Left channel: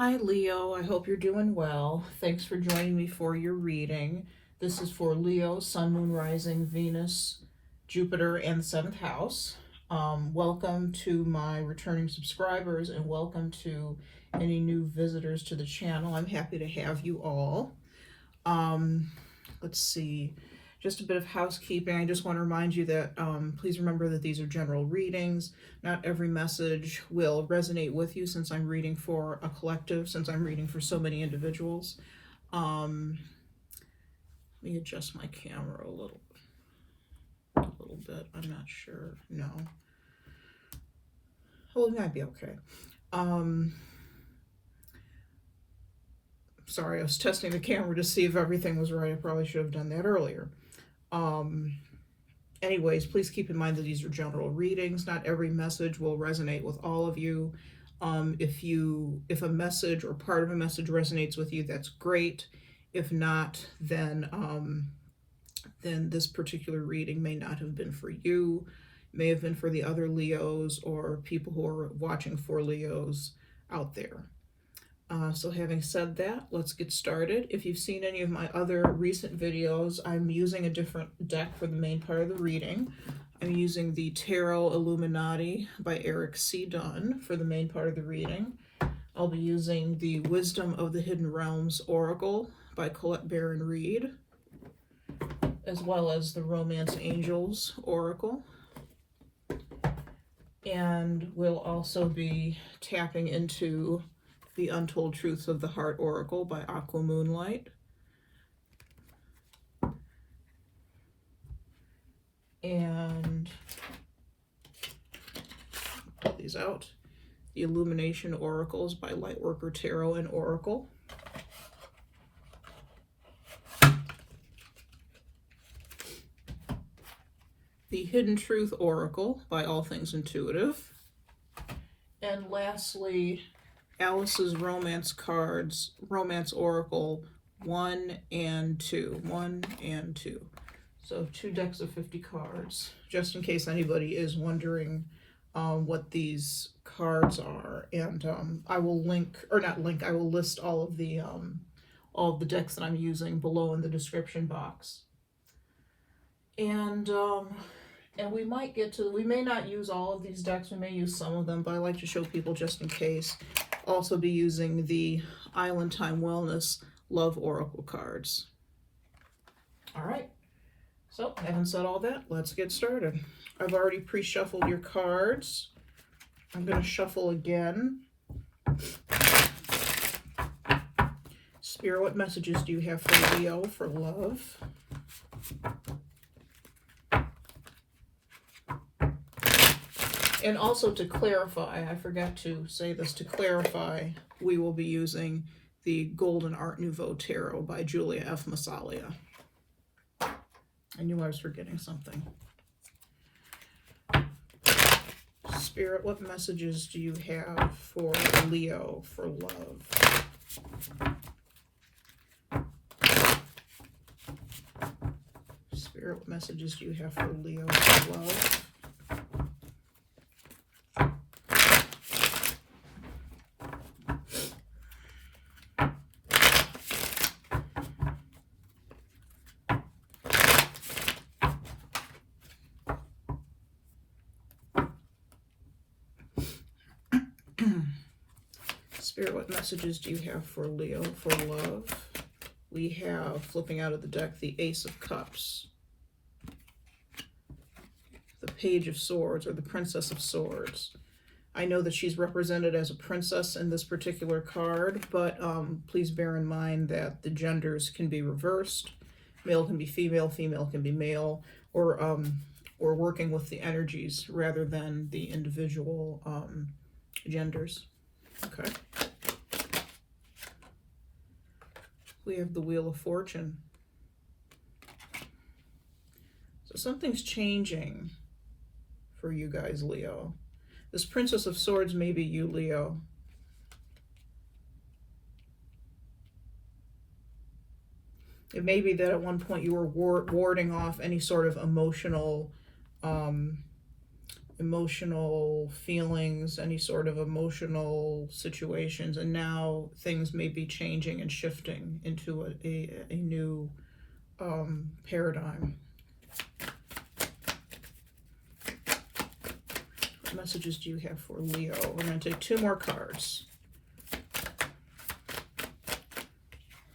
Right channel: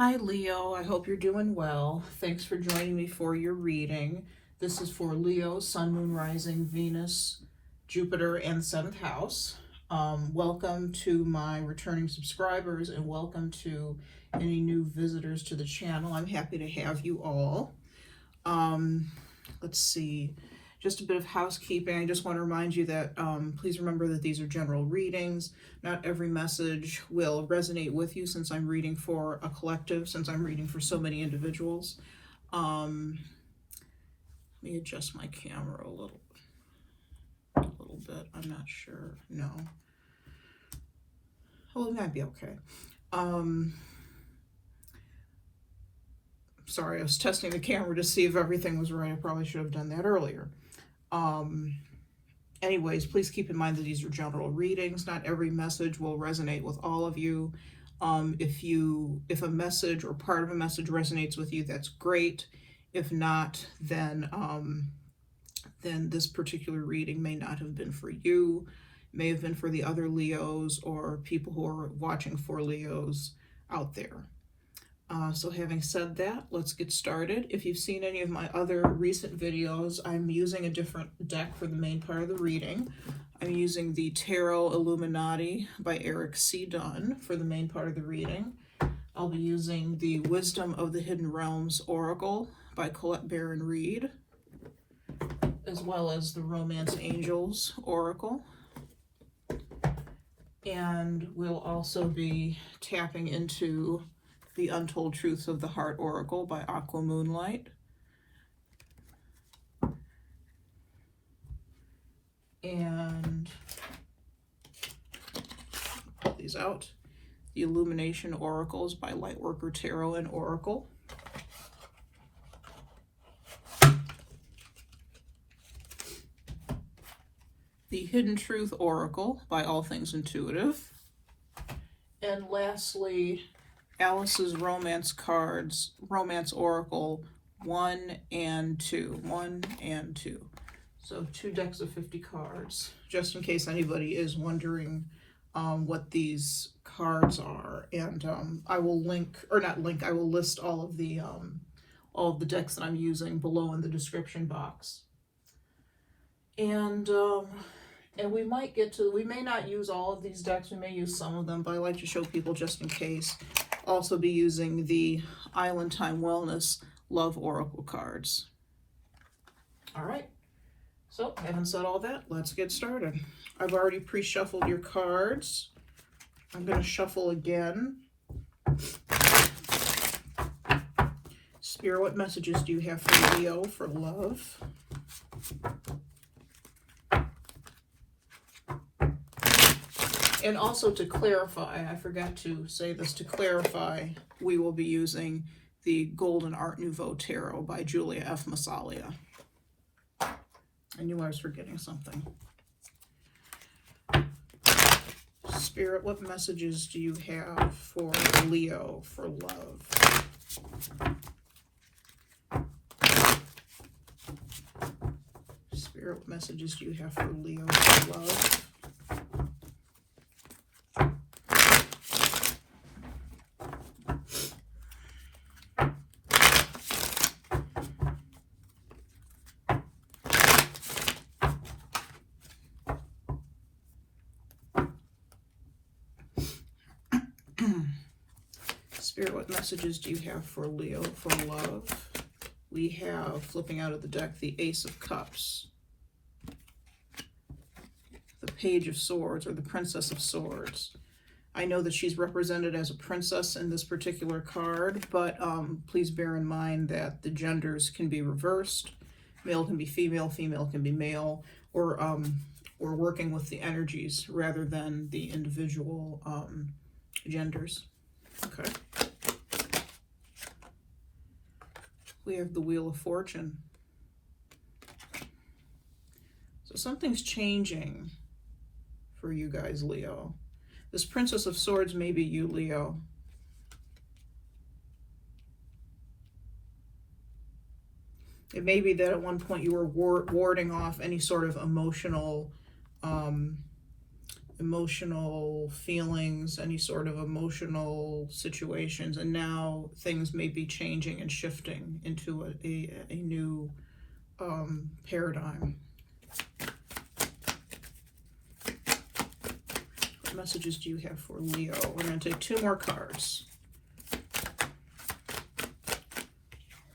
Hi Leo, I hope you're doing well. Thanks for joining me for your reading. This is for Leo, Sun, Moon, Rising, Venus, Jupiter, and 7th house. Welcome to my returning subscribers and welcome to any new visitors to the channel. I'm happy to have you all. Let's see. Just a bit of housekeeping. I just want to remind you that please remember that these are general readings. Not every message will resonate with you since I'm reading for a collective, since I'm reading for so many individuals. Let me adjust my camera a little bit. I'm not sure. No. Well, it might be okay. Sorry, I was testing the camera to see if everything was right. I probably should have done that earlier. Anyways, please keep in mind that these are general readings. Not every message will resonate with all of you. If a message or part of a message resonates with you, that's great. If not, then this particular reading may not have been for you. It may have been for the other Leos or people who are watching for Leos out there. So having said that, let's get started. If you've seen any of my other recent videos, I'm using a different deck for the main part of the reading. I'm using the Tarot Illuminati by Erik C. Dunne for the main part of the reading. I'll be using the Wisdom of the Hidden Realms Oracle by Colette Baron-Reid, as well as the Romance Angels Oracle. And we'll also be tapping into the Untold Truths of the Heart Oracle by Aquamoonlight. And put these out. The Illumination Oracles by Lightworker Tarot and Oracle. The Hidden Truth Oracle by All Things Intuitive. And lastly, Alice's Romance Cards, Romance Oracle 1 and 2. 1 and 2. So 2 decks of 50 cards, just in case anybody is wondering what these cards are. And I will I will list all of the decks that I'm using below in the description box. And we may not use all of these decks, we may use some of them, but I like to show people just in case. Also be using the Island Time Wellness Love Oracle cards. All right, so having said all that, let's get started. I've already pre-shuffled your cards. I'm going to shuffle again. Spirit, what messages do you have for Leo for love? And also to clarify, I forgot to say this, to clarify, we will be using the Golden Art Nouveau Tarot by Giulia F. Massaglia. I knew I was forgetting something. Spirit, what messages do you have for Leo for love? Spirit, what messages do you have for Leo for love? Spirit, what messages do you have for Leo for love? We have, flipping out of the deck, the Ace of Cups, the Page of Swords, or the Princess of Swords. I know that she's represented as a princess in this particular card, but please bear in mind that the genders can be reversed. Male can be female, female can be male, or working with the energies rather than the individual genders. Okay. We have the Wheel of Fortune. So something's changing for you guys, Leo. This Princess of Swords may be you, Leo. It may be that at one point you were warding off any sort of emotional emotional feelings, any sort of emotional situations, and now things may be changing and shifting into a new paradigm. What messages do you have for Leo? We're going to take 2 more cards.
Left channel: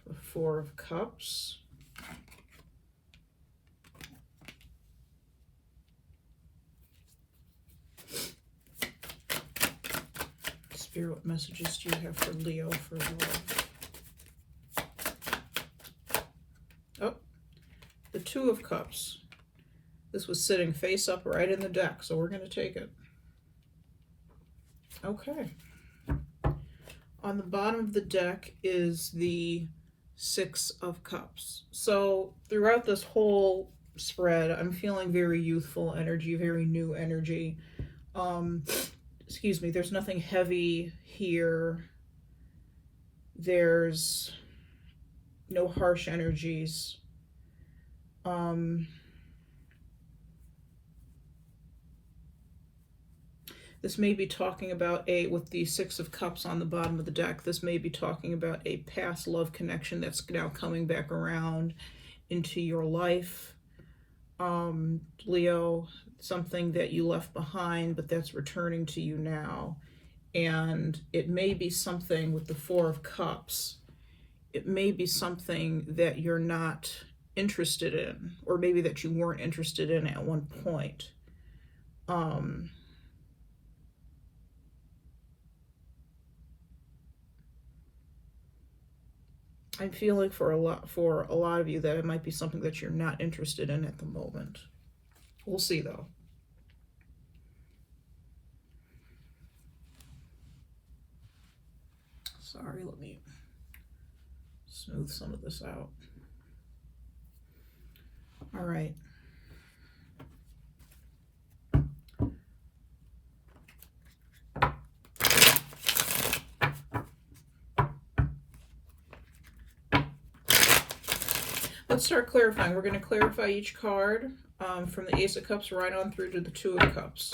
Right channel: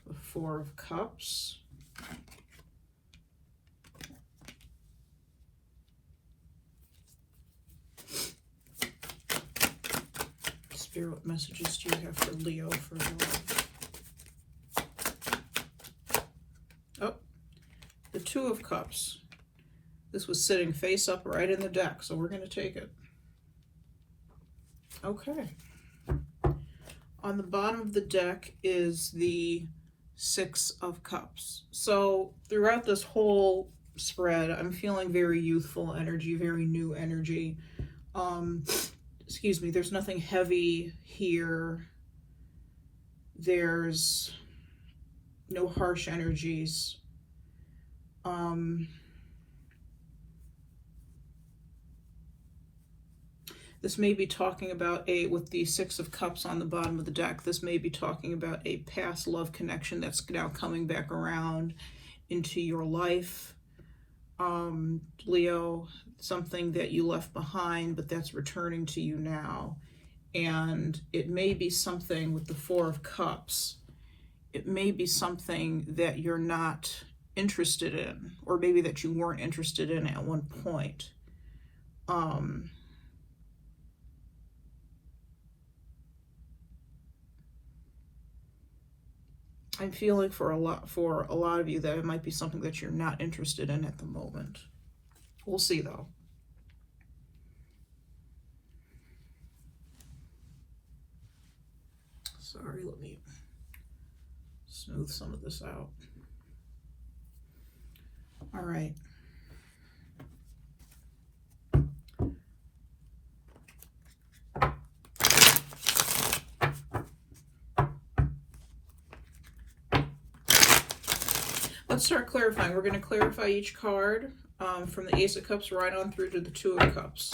The 4 of Cups. Spirit, what messages do you have for Leo for love? Oh, the 2 of Cups. This was sitting face up right in the deck, so we're going to take it. Okay. On the bottom of the deck is the 6 of Cups. So throughout this whole spread, I'm feeling very youthful energy, very new energy. Excuse me, there's nothing heavy here. There's no harsh energies. This may be talking about with the 6 of Cups on the bottom of the deck, this may be talking about a past love connection that's now coming back around into your life. Leo, something that you left behind, but that's returning to you now. And it may be something with the 4 of Cups. It may be something that you're not interested in, or maybe that you weren't interested in at one point. I'm feeling for a lot of you that it might be something that you're not interested in at the moment. We'll see though. Sorry, let me smooth some of this out. All right. Let's start clarifying. We're going to clarify each card from the Ace of Cups right on through to the 2 of Cups.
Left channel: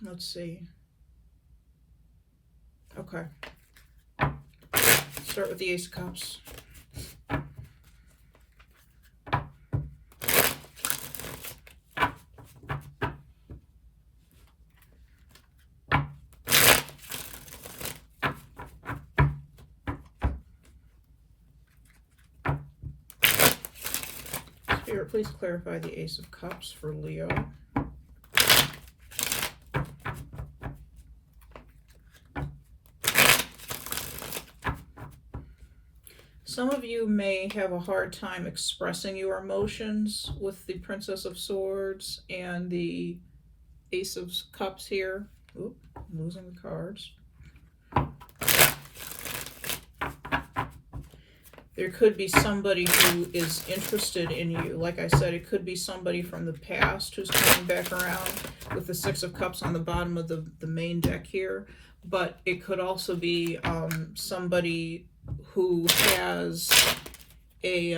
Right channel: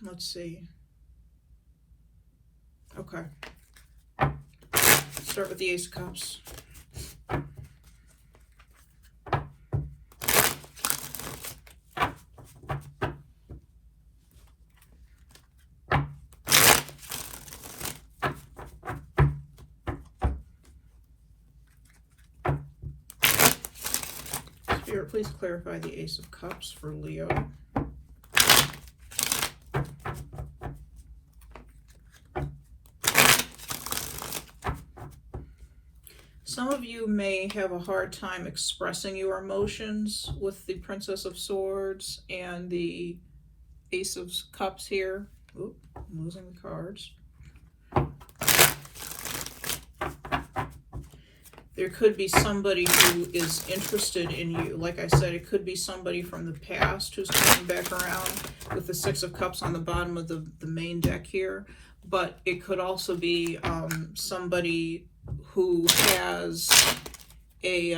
Let's see. Okay. Let's start with the Ace of Cups. Spirit, please clarify the Ace of Cups for Leo. Some of you may have a hard time expressing your emotions with the Princess of Swords and the Ace of Cups here. Oop, I'm losing the cards. There could be somebody who is interested in you. Like I said, it could be somebody from the past who's coming back around with the 6 of Cups on the bottom of the main deck here. But it could also be somebody who has a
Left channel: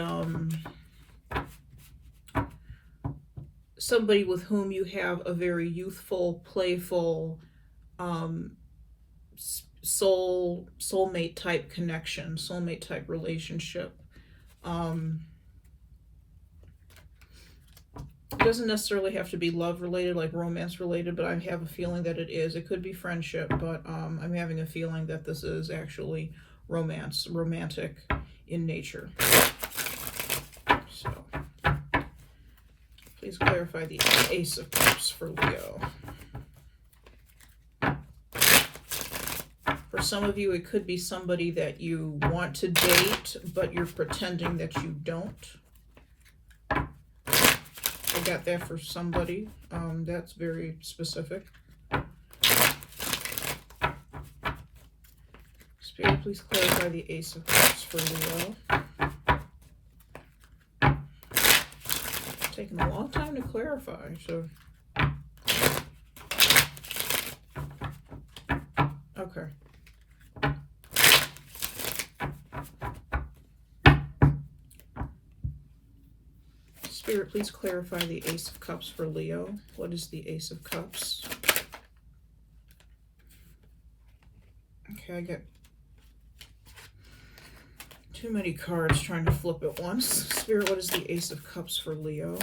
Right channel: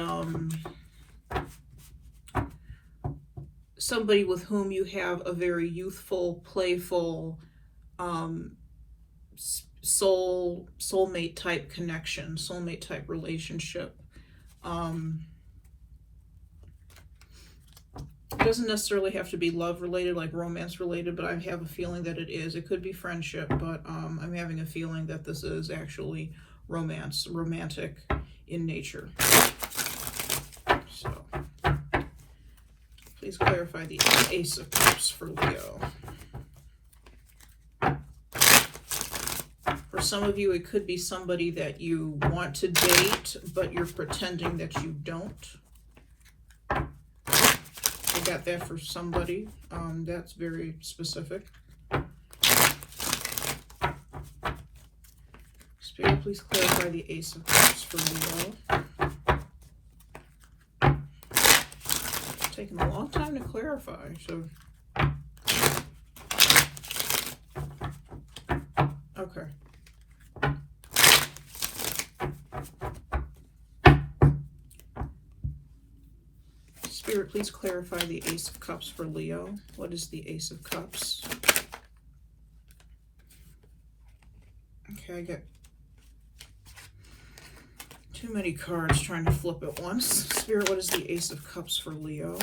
somebody with whom you have a very youthful, playful, soulmate type connection, soulmate type relationship. It doesn't necessarily have to be love related, like romance related, but I have a feeling that it is. It could be friendship, but I'm having a feeling that this is actually romantic in nature. So please clarify the Ace of Cups for Leo. For some of you, it could be somebody that you want to date, but you're pretending that you don't. I got that for somebody. That's very specific. Spirit, please clarify the Ace of Cups for Leo. It's taking a long time to clarify, so. Okay. Spirit, please clarify the Ace of Cups for Leo. What is the Ace of Cups? Okay, I get too many cards trying to flip at once. Spirit, what is the Ace of Cups for Leo?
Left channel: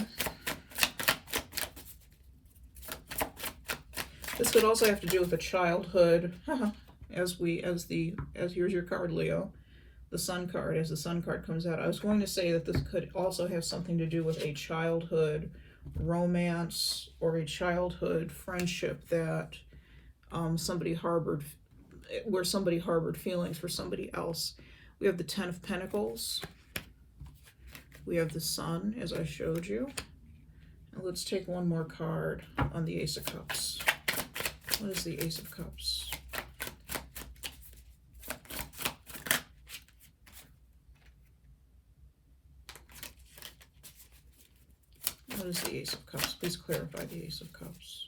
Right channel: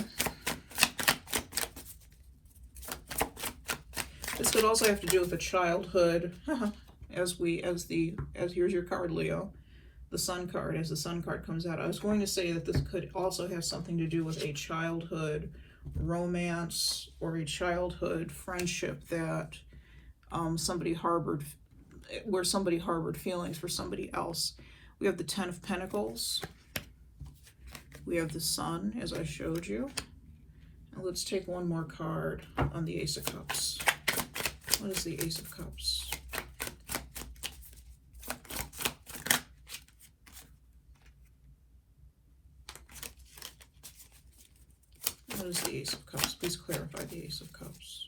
This could also have to do with a childhood. Here's your card, Leo. The Sun card, as the Sun card comes out. I was going to say that this could also have something to do with a childhood romance or a childhood friendship that somebody harbored feelings for somebody else. We have the Ten of Pentacles. We have the Sun, as I showed you. And let's take one more card on the Ace of Cups. What is the Ace of Cups? What is the Ace of Cups? Please clarify the Ace of Cups.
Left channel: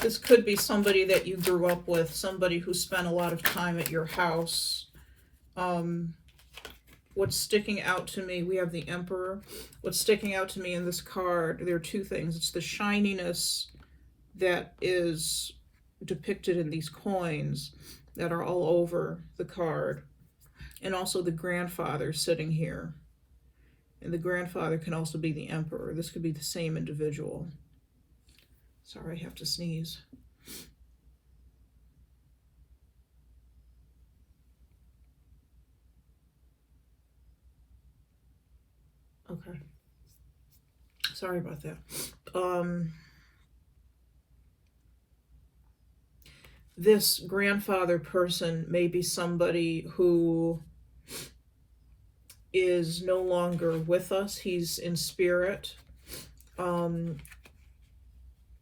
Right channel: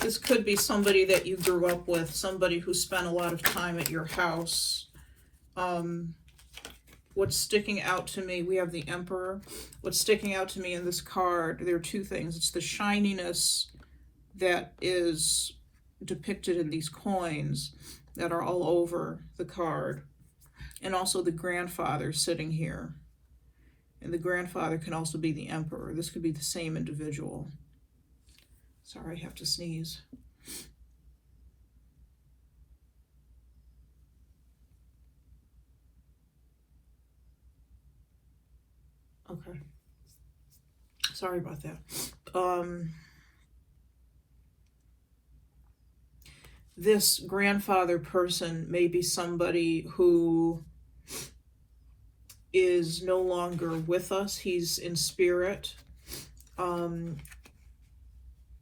This could be somebody that you grew up with, somebody who spent a lot of time at your house. What's sticking out to me, we have the Emperor. What's sticking out to me in this card, there are two things. It's the shininess that is depicted in these coins that are all over the card. And also the grandfather sitting here. And the grandfather can also be the Emperor. This could be the same individual. Sorry, I have to sneeze. Okay. Sorry about that. This grandfather person may be somebody who is no longer with us. He's in spirit.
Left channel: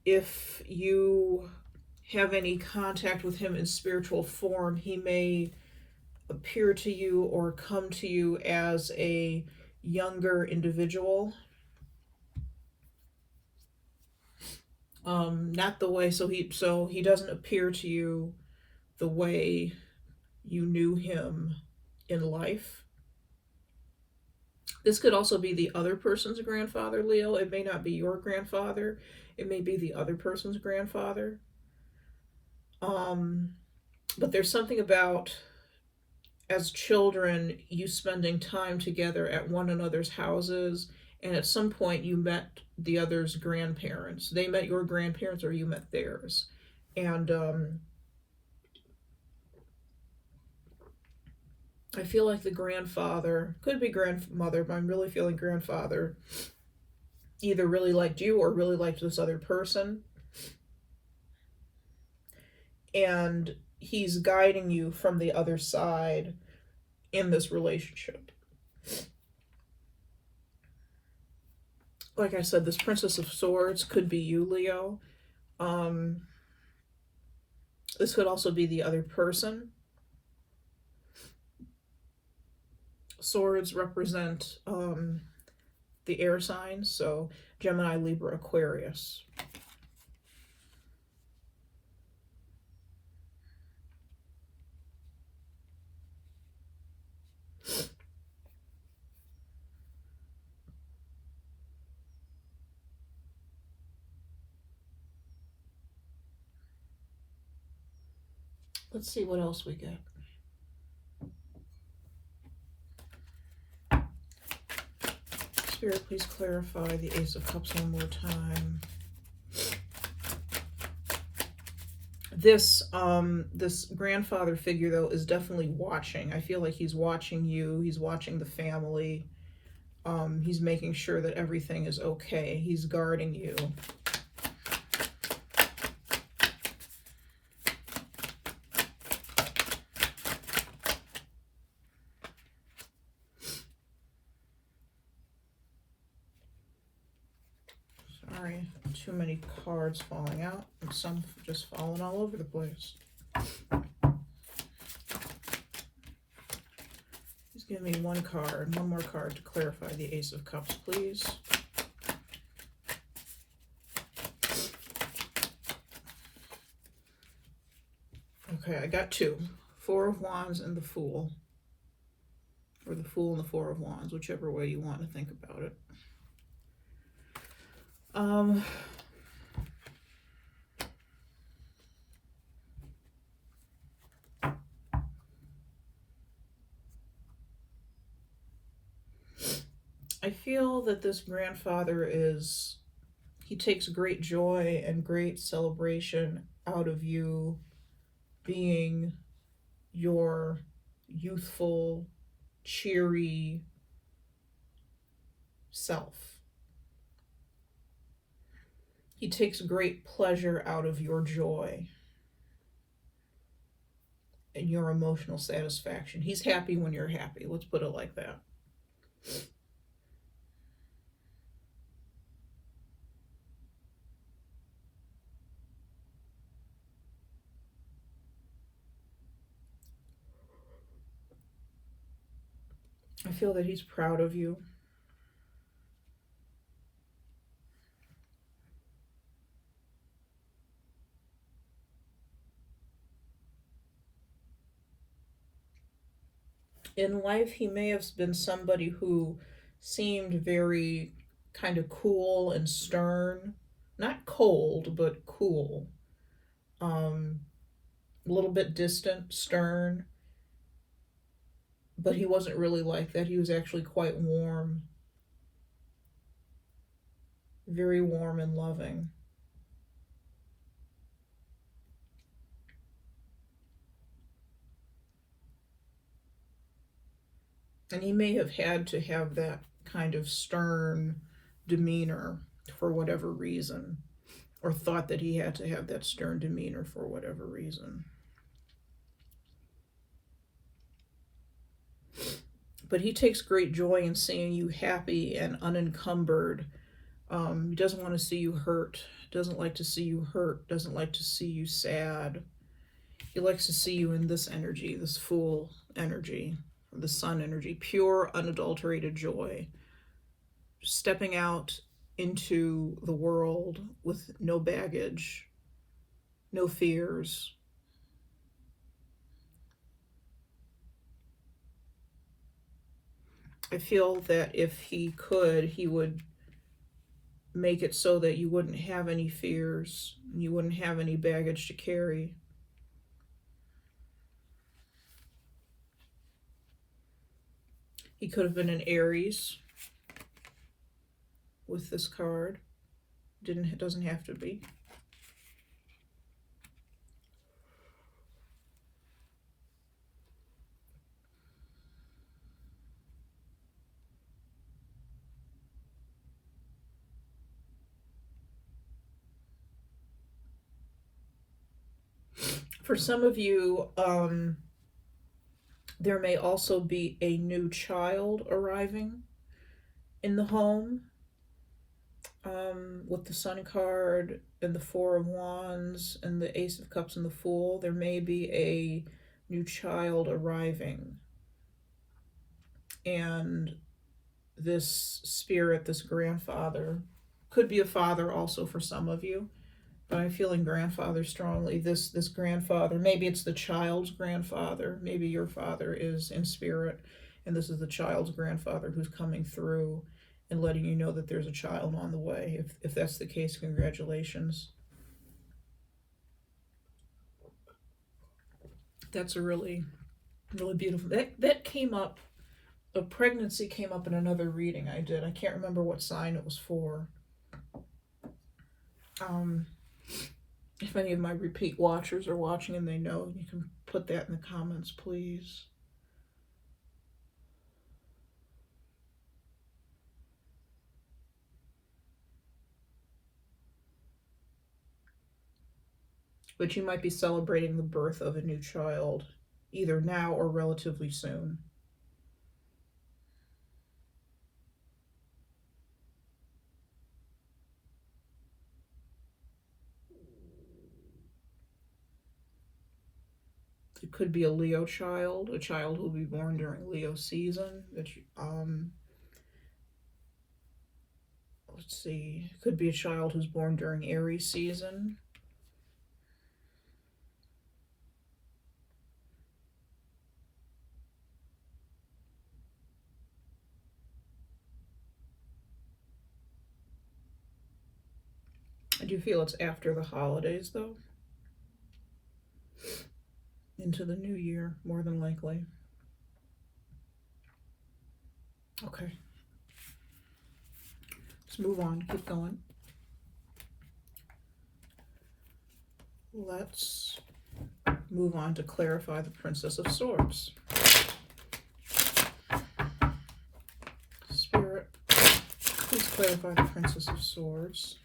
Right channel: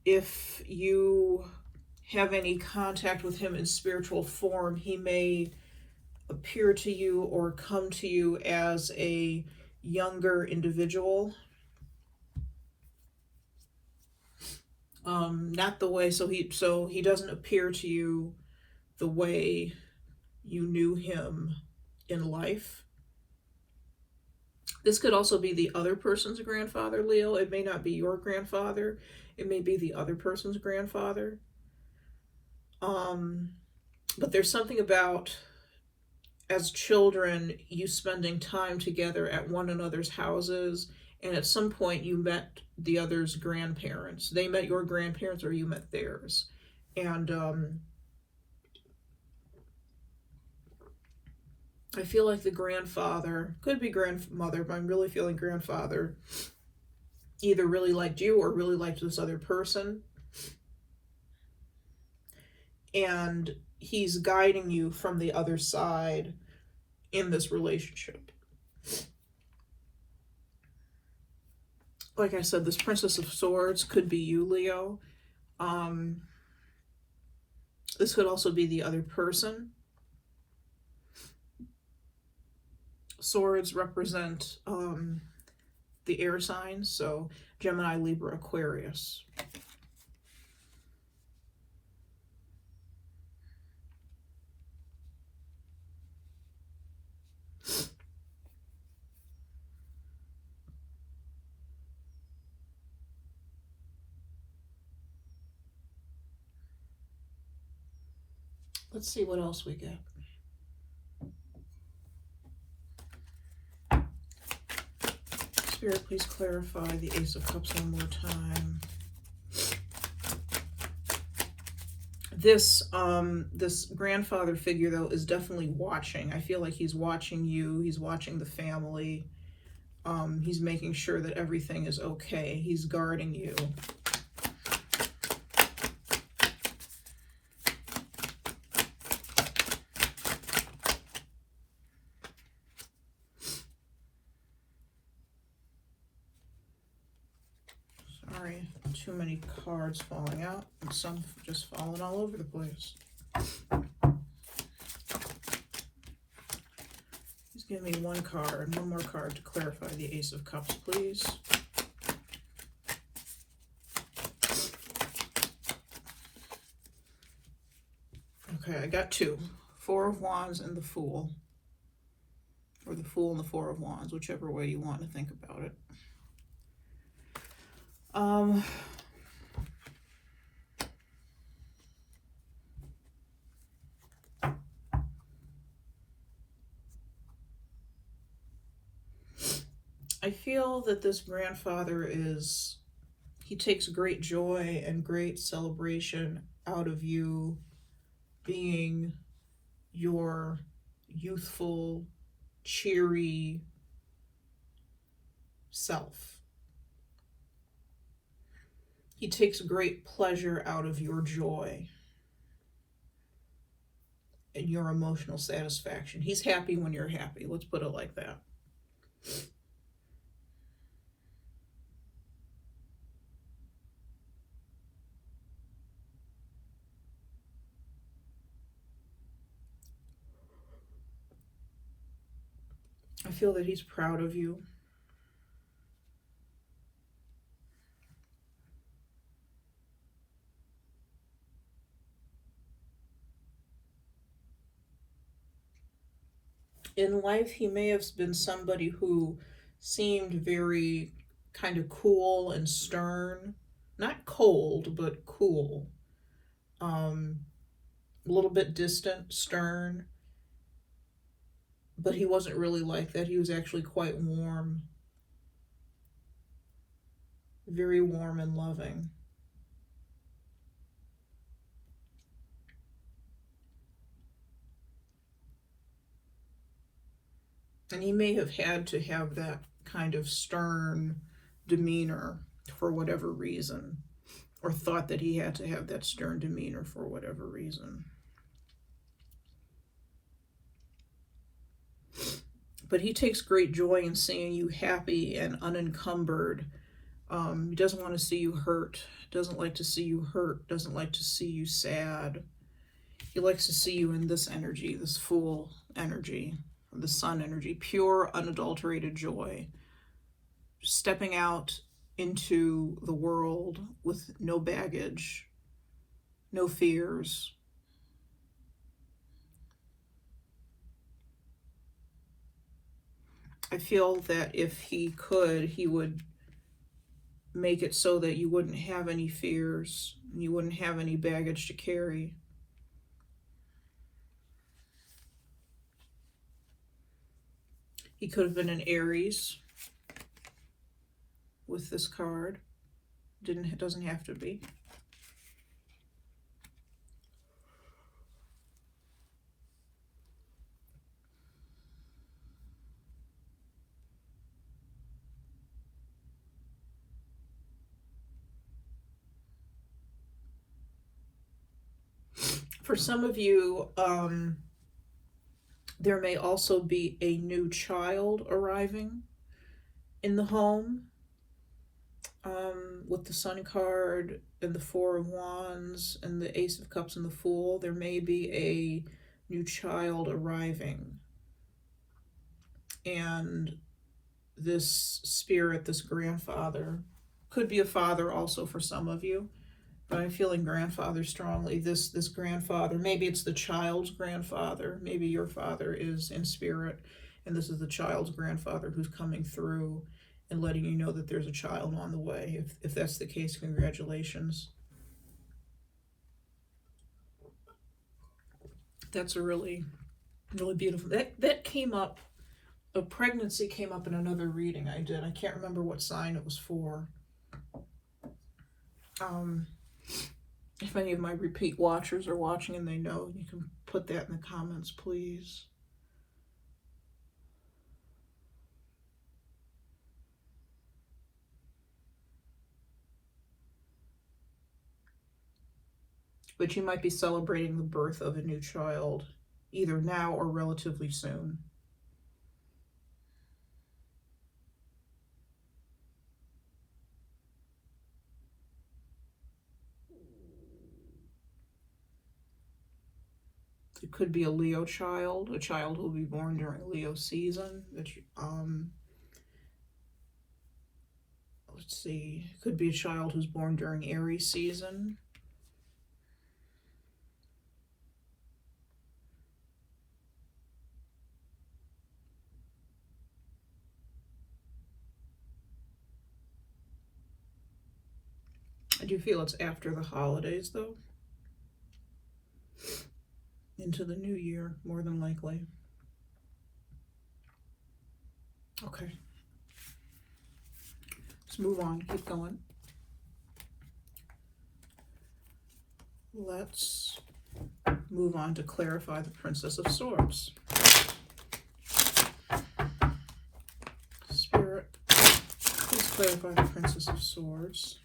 If you have any contact with him in spiritual form, he may appear to you or come to you as a younger individual. Not the way, so he doesn't appear to you the way you knew him in life. This could also be the other person's grandfather, Leo. It may not be your grandfather. It may be the other person's grandfather. But there's something about, as children, you spending time together at one another's houses, and at some point you met the other's grandparents. They met your grandparents or you met theirs. And I feel like the grandfather, could be grandmother, but I'm really feeling grandfather, either really liked you or really liked this other person. And he's guiding you from the other side in this relationship. Like I said, this Princess of Swords could be you, Leo. This could also be the other person. Swords represent the air signs, so Gemini, Libra, Aquarius. Let's see what else we get. Spirit, please clarify the Ace of Cups one more time. This grandfather figure, though, is definitely watching. I feel like he's watching you. He's watching the family. He's making sure that everything is okay. He's guarding you. Too many cards falling out, and some just falling all over the place. Just give me one more card to clarify the Ace of Cups, please. I got two. Four of Wands and the Fool. Or the Fool and the Four of Wands, whichever way you want to think about it. I feel that this grandfather he takes great joy and great celebration out of you being your youthful, cheery self. He takes great pleasure out of your joy and your emotional satisfaction. He's happy when you're happy. Let's put it like that. I feel that he's proud of you. In life, he may have been somebody who seemed very kind of cool and stern. Not cold, but cool. A little bit distant, stern. But he wasn't really like that. He was actually quite warm. Very warm and loving. And he may have had to have that kind of stern demeanor for whatever reason, or thought that he had to have that stern demeanor for whatever reason. But he takes great joy in seeing you happy and unencumbered. He doesn't want to see you hurt, doesn't like to see you hurt, doesn't like to see you sad. He likes to see you in this energy, this Fool energy, the Sun energy, pure, unadulterated joy. Stepping out into the world with no baggage, no fears. I feel that if he could, he would make it so that you wouldn't have any fears, you wouldn't have any baggage to carry. He could have been an Aries with this card. It doesn't have to be. For some of you, there may also be a new child arriving in the home. With the Sun card and the Four of Wands and the Ace of Cups and the Fool, there may be a new child arriving. And this spirit, this grandfather, could be a father also for some of you, but I'm feeling grandfather strongly. This grandfather, maybe it's the child's grandfather, maybe your father is in spirit, and this is the child's grandfather who's coming through and letting you know that there's a child on the way. If that's the case, congratulations. That's a really, really beautiful, that came up, a pregnancy came up in another reading I did. I can't remember what sign it was for. If any of my repeat watchers are watching and they know, you can put that in the comments, please. But you might be celebrating the birth of a new child, either now or relatively soon. It could be a Leo child, a child who will be born during Leo season. Let's see, it could be a child who's born during Aries season. do feel it's after the holidays, though. Into the new year, more than likely. Okay. Let's move on. Keep going. Let's move on to clarify the Princess of Swords. Spirit, please clarify the Princess of Swords.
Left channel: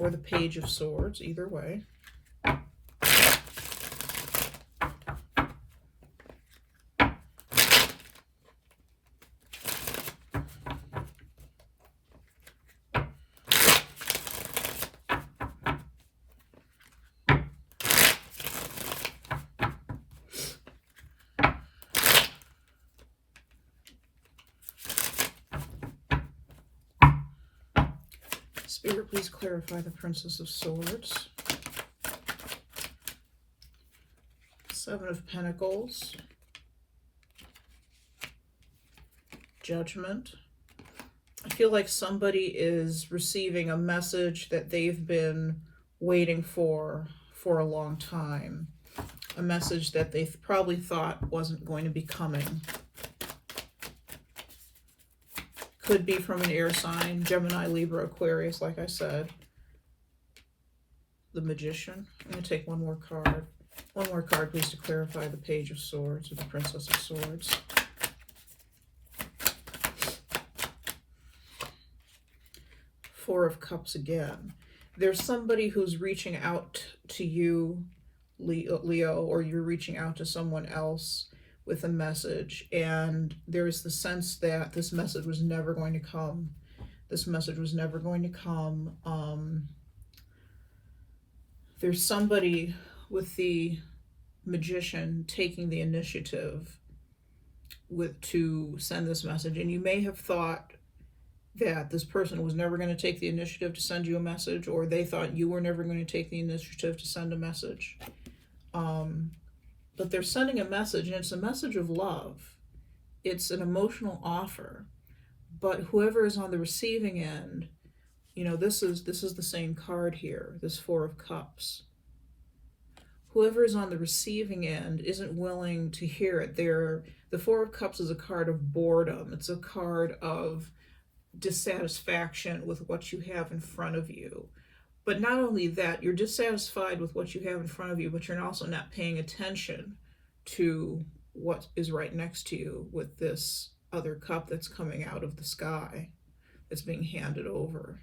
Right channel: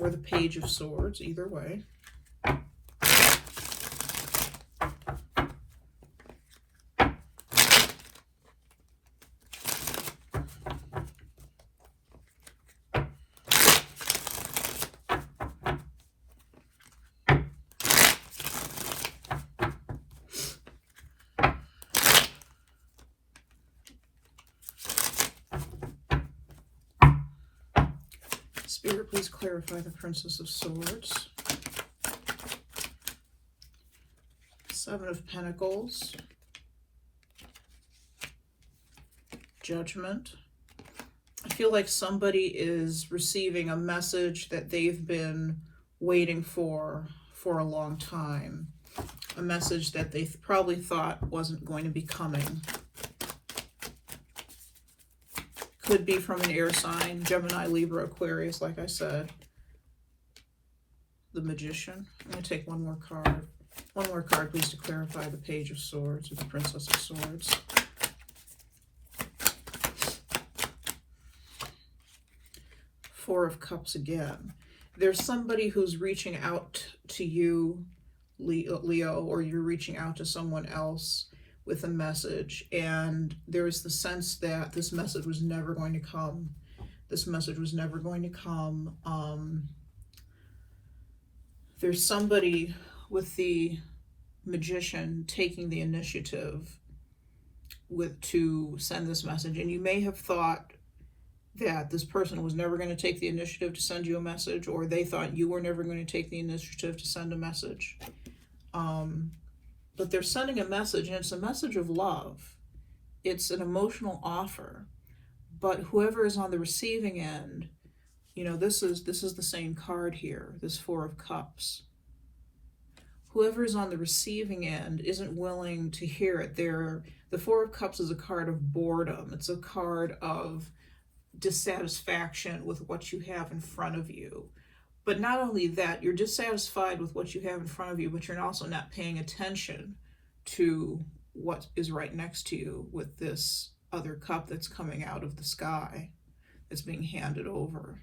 Or the Page of Swords, either way. Spirit, please clarify the Princess of Swords. Seven of Pentacles. Judgment. I feel like somebody is receiving a message that they've been waiting for a long time. A message that they probably thought wasn't going to be coming. Could be from an air sign, Gemini, Libra, Aquarius, like I said. The Magician. I'm going to take one more card. One more card, please, to clarify the Page of Swords or the Princess of Swords. Four of Cups again. There's somebody who's reaching out to you, Leo, or you're reaching out to someone else with a message, and there's the sense that this message was never going to come. This message was never going to come. There's somebody with the Magician taking the initiative to send this message, and you may have thought that this person was never going to take the initiative to send you a message, or they thought you were never going to take the initiative to send a message. But they're sending a message, and it's a message of love. It's an emotional offer. But whoever is on the receiving end, you know, this is the same card here, this Four of Cups. Whoever is on the receiving end isn't willing to hear it. The Four of Cups is a card of boredom. It's a card of dissatisfaction with what you have in front of you. But not only that, you're dissatisfied with what you have in front of you, but you're also not paying attention to what is right next to you with this other cup that's coming out of the sky, that's being handed over.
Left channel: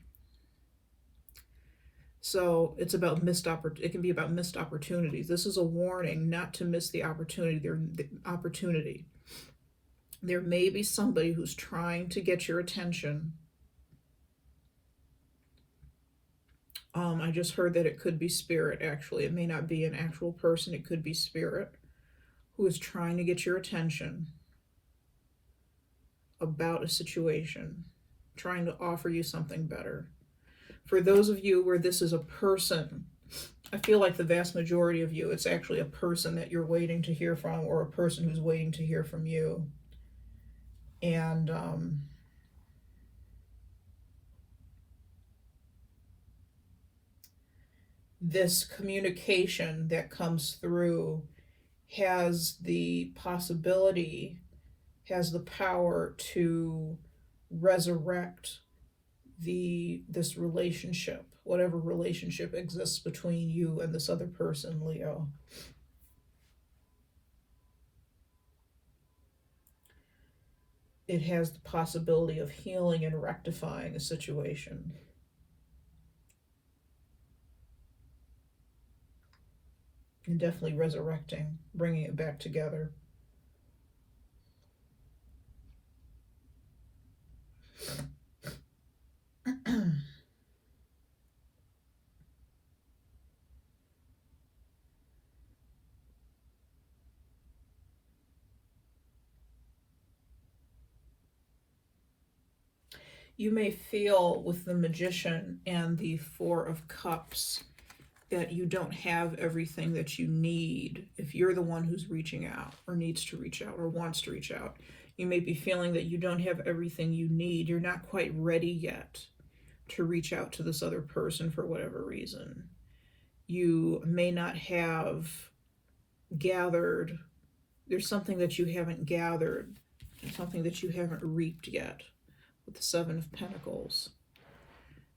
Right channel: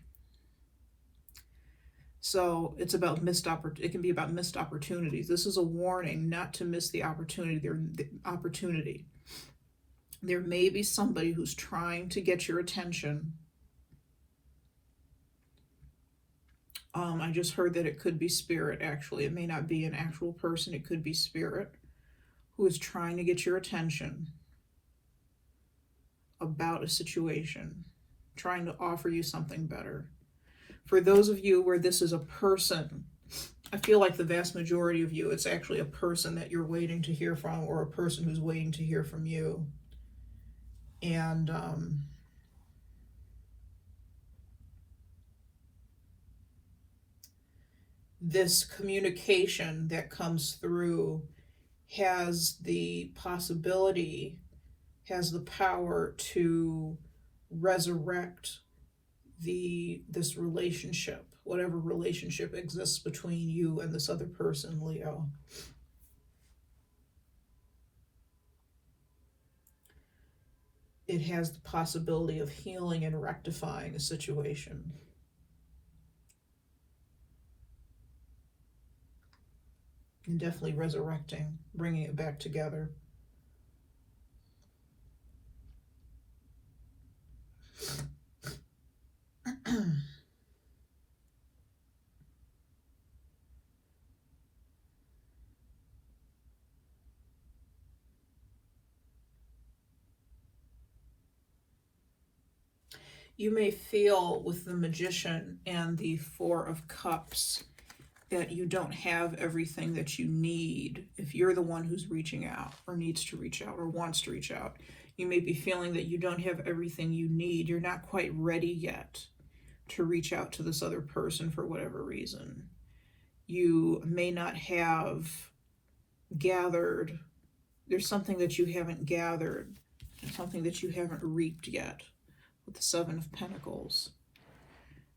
So it's about it can be about missed opportunities. This is a warning not to miss the opportunity. There may be somebody who's trying to get your attention. I just heard that it could be spirit, actually. It may not be an actual person. It could be spirit who is trying to get your attention about a situation, trying to offer you something better. For those of you where this is a person, I feel like the vast majority of you, it's actually a person that you're waiting to hear from, or a person who's waiting to hear from you. And this communication that comes through has the possibility, has the power to resurrect this relationship, whatever relationship exists between you and this other person, Leo. It has the possibility of healing and rectifying a situation. And definitely resurrecting, bringing it back together. You may feel with the Magician and the Four of Cups that you don't have everything that you need. If you're the one who's reaching out, or needs to reach out, or wants to reach out, you may be feeling that you don't have everything you need. You're not quite ready yet to reach out to this other person for whatever reason. You may not have gathered, there's something that you haven't gathered, something that you haven't reaped yet with the Seven of Pentacles,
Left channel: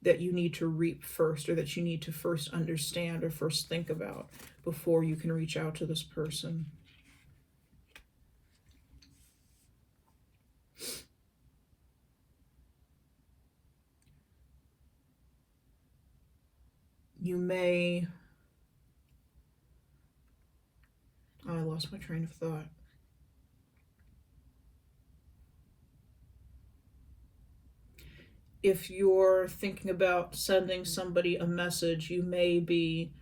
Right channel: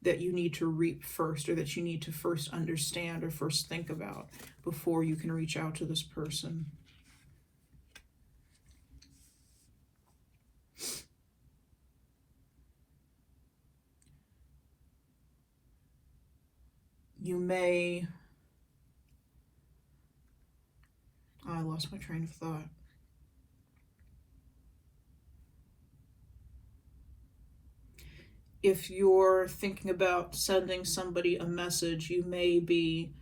that you need to reap first, or that you need to first understand or first think about before you can reach out to this person. You may, oh, I lost my train of thought. If you're thinking about sending somebody a message, you may be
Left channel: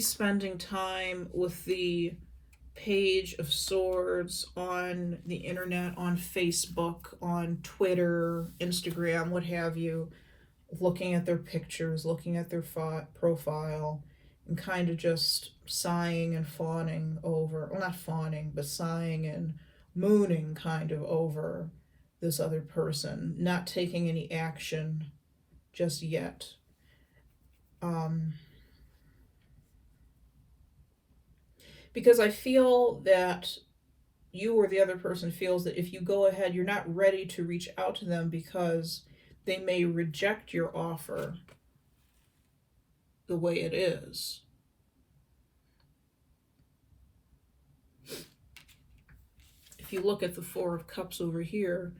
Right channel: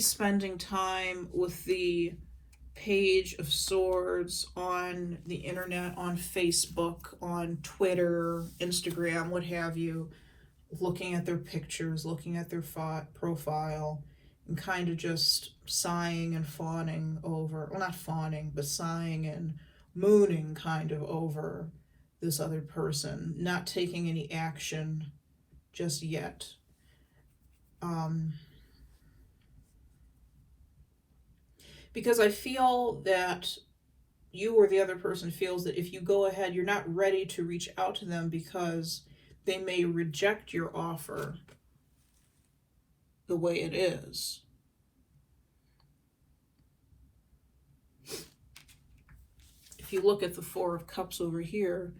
spending time with the Page of Swords on the internet, on Facebook, on Twitter, Instagram, what have you, looking at their pictures, looking at their profile, and kind of just sighing and fawning over, well, not fawning, but sighing and mooning kind of over this other person, not taking any action just yet. Because I feel that you or the other person feels that if you go ahead, you're not ready to reach out to them because they may reject your offer the way it is. If you look at the Four of Cups over here,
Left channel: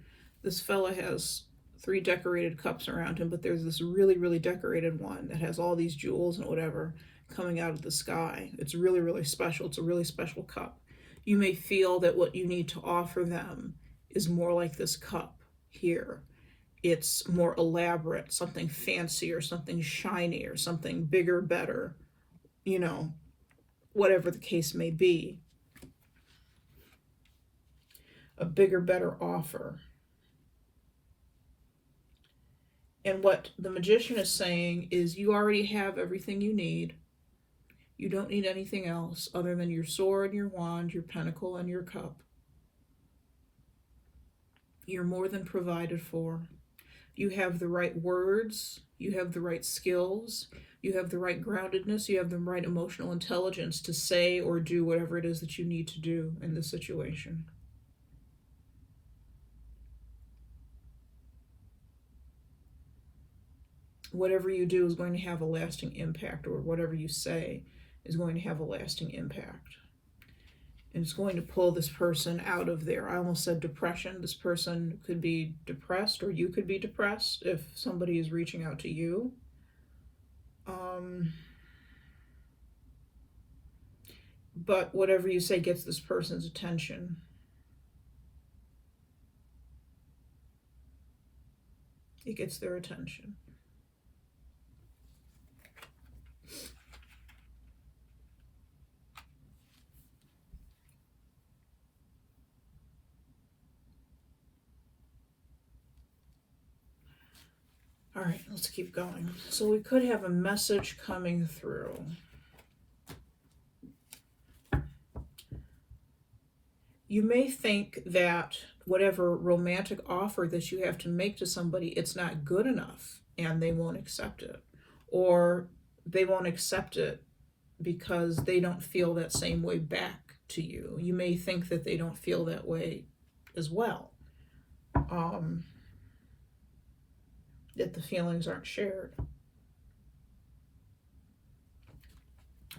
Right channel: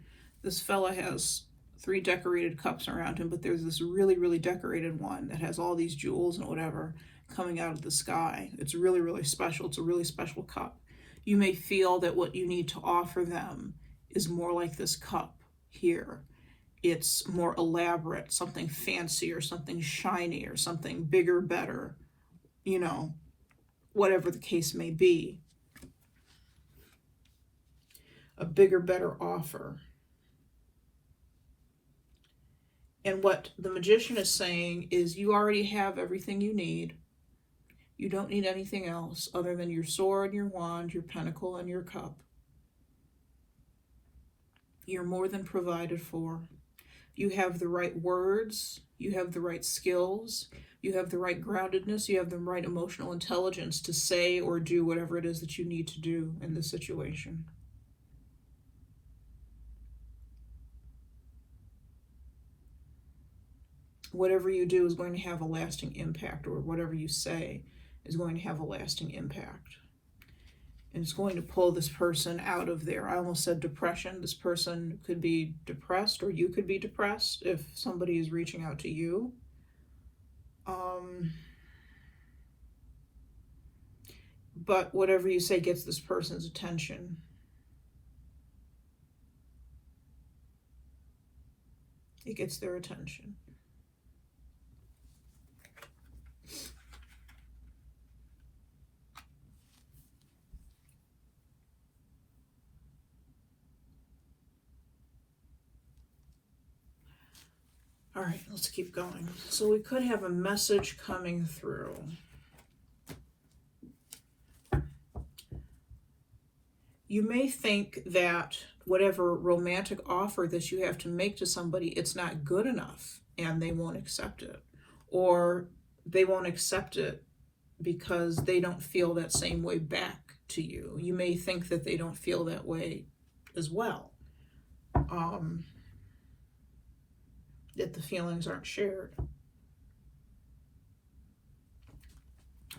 this fella has 3 decorated cups around him, but there's this really, really decorated one that has all these jewels and whatever coming out of the sky. It's really, really special. It's a really special cup. You may feel that what you need to offer them is more like this cup here. It's more elaborate, something fancier, something shiny, or something bigger, better, you know, whatever the case may be. A bigger, better offer. And what the Magician is saying is you already have everything you need. You don't need anything else other than your sword, your wand, your pentacle, and your cup. You're more than provided for. You have the right words, you have the right skills, you have the right groundedness, you have the right emotional intelligence to say or do whatever it is that you need to do in this situation. Whatever you do is going to have a lasting impact, or whatever you say is going to have a lasting impact. And it's going to pull this person out of their, I almost said depression. This person could be depressed, or you could be depressed if somebody is reaching out to you. But whatever you say gets this person's attention. It gets their attention. All right, let's keep going. So we could have a message coming through. You may think that whatever romantic offer that you have to make to somebody, it's not good enough and they won't accept it. Or they won't accept it because they don't feel that same way back to you. You may think that they don't feel that way as well. That the feelings aren't shared.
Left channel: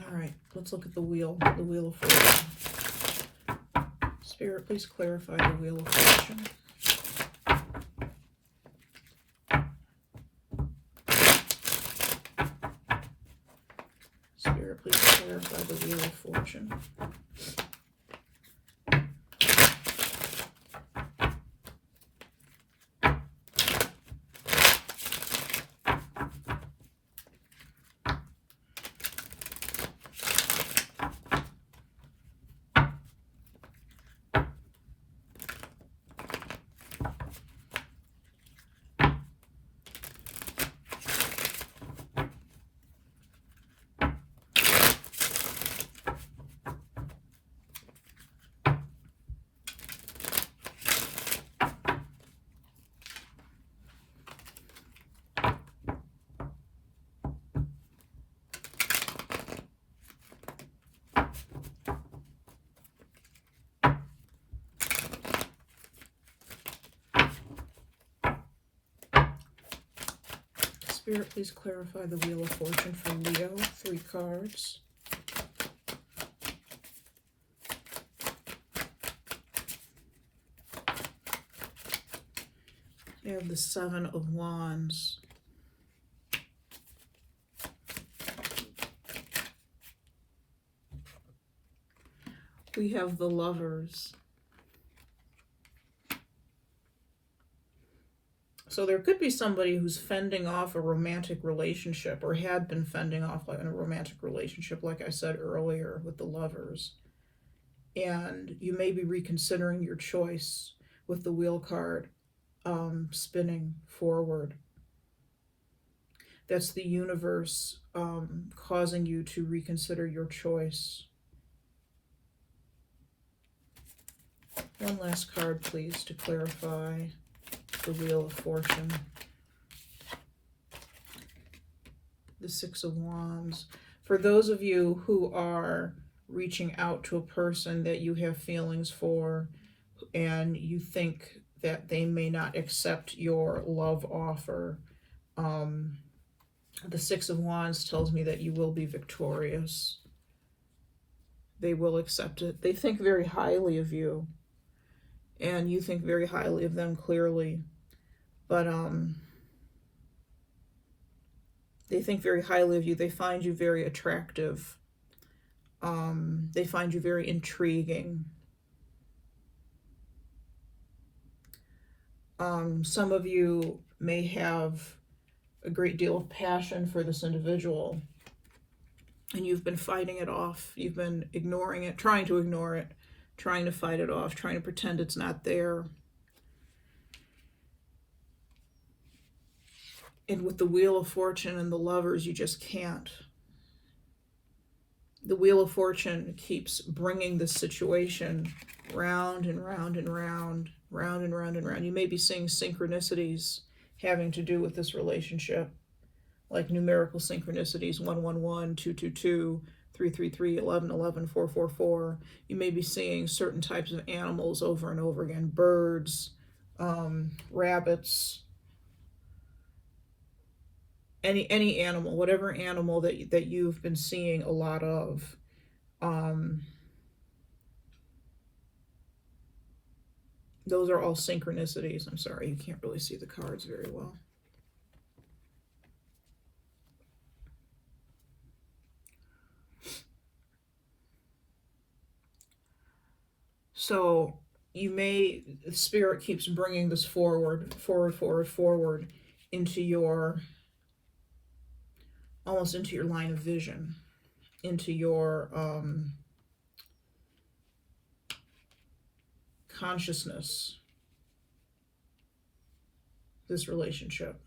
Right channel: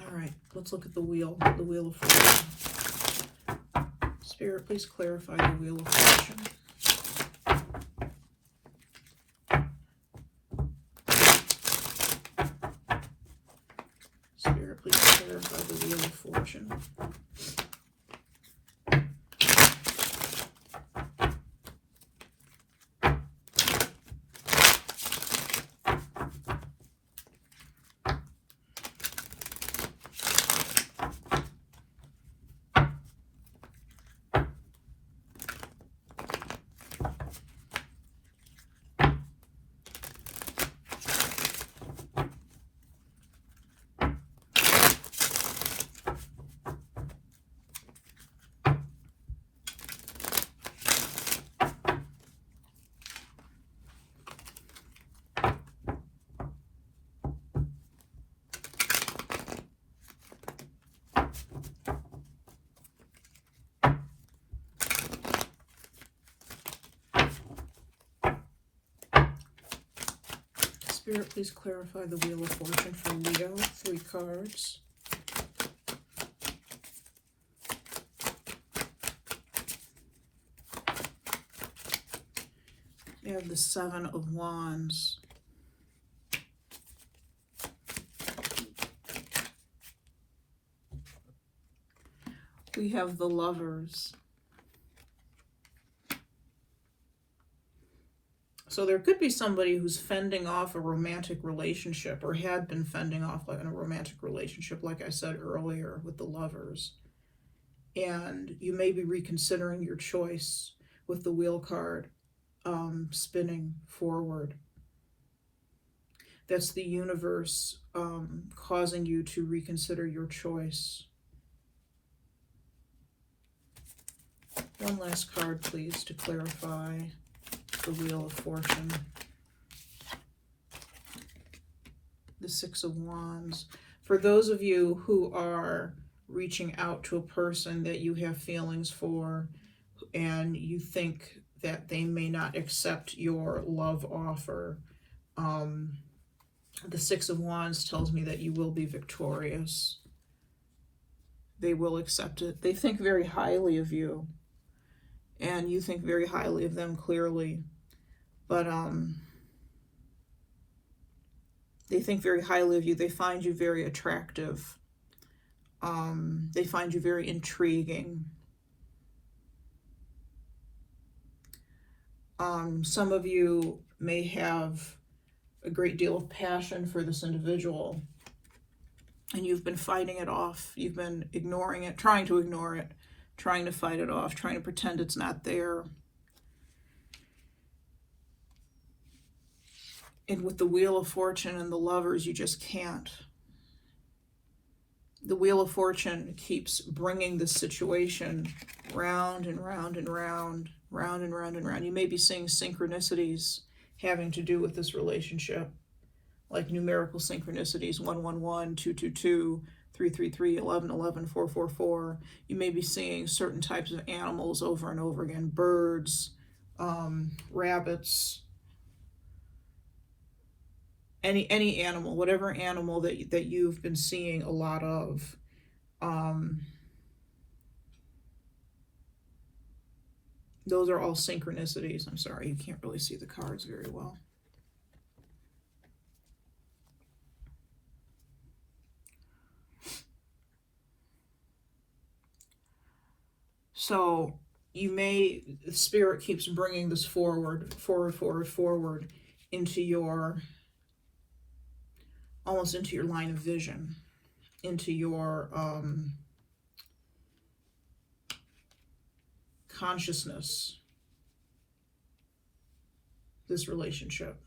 All right, let's look at the Wheel of Fortune. Spirit, please clarify the Wheel of Fortune. Spirit, please clarify the Wheel of Fortune. Spirit, please clarify the Wheel of Fortune for Leo. 3 cards. We have the 7 of Wands. We have the Lovers. So there could be somebody who's fending off a romantic relationship, or had been fending off a romantic relationship, like I said earlier with the Lovers. And you may be reconsidering your choice with the Wheel card spinning forward. That's the universe causing you to reconsider your choice. One last card, please, to clarify the Wheel of Fortune. The 6 of Wands. For those of you who are reaching out to a person that you have feelings for, and you think that they may not accept your love offer, the 6 of Wands tells me that you will be victorious. They will accept it. They think very highly of you, and you think very highly of them, clearly. But they think very highly of you. They find you very attractive. They find you very intriguing. Some of you may have a great deal of passion for this individual, and you've been fighting it off. You've been ignoring it, trying to ignore it, trying to fight it off, trying to pretend it's not there. And with the Wheel of Fortune and the Lovers, you just can't. The Wheel of Fortune keeps bringing the situation round and round and round, round and round and round. You may be seeing synchronicities having to do with this relationship, like numerical synchronicities: 111, 222, 333, 1111, 444. You may be seeing certain types of animals over and over again: birds, rabbits, any animal, whatever animal that you've been seeing a lot of. Those are all synchronicities. I'm sorry, you can't really see the cards very well. So Spirit keeps bringing this forward into your, almost into your line of vision, into your consciousness, this relationship.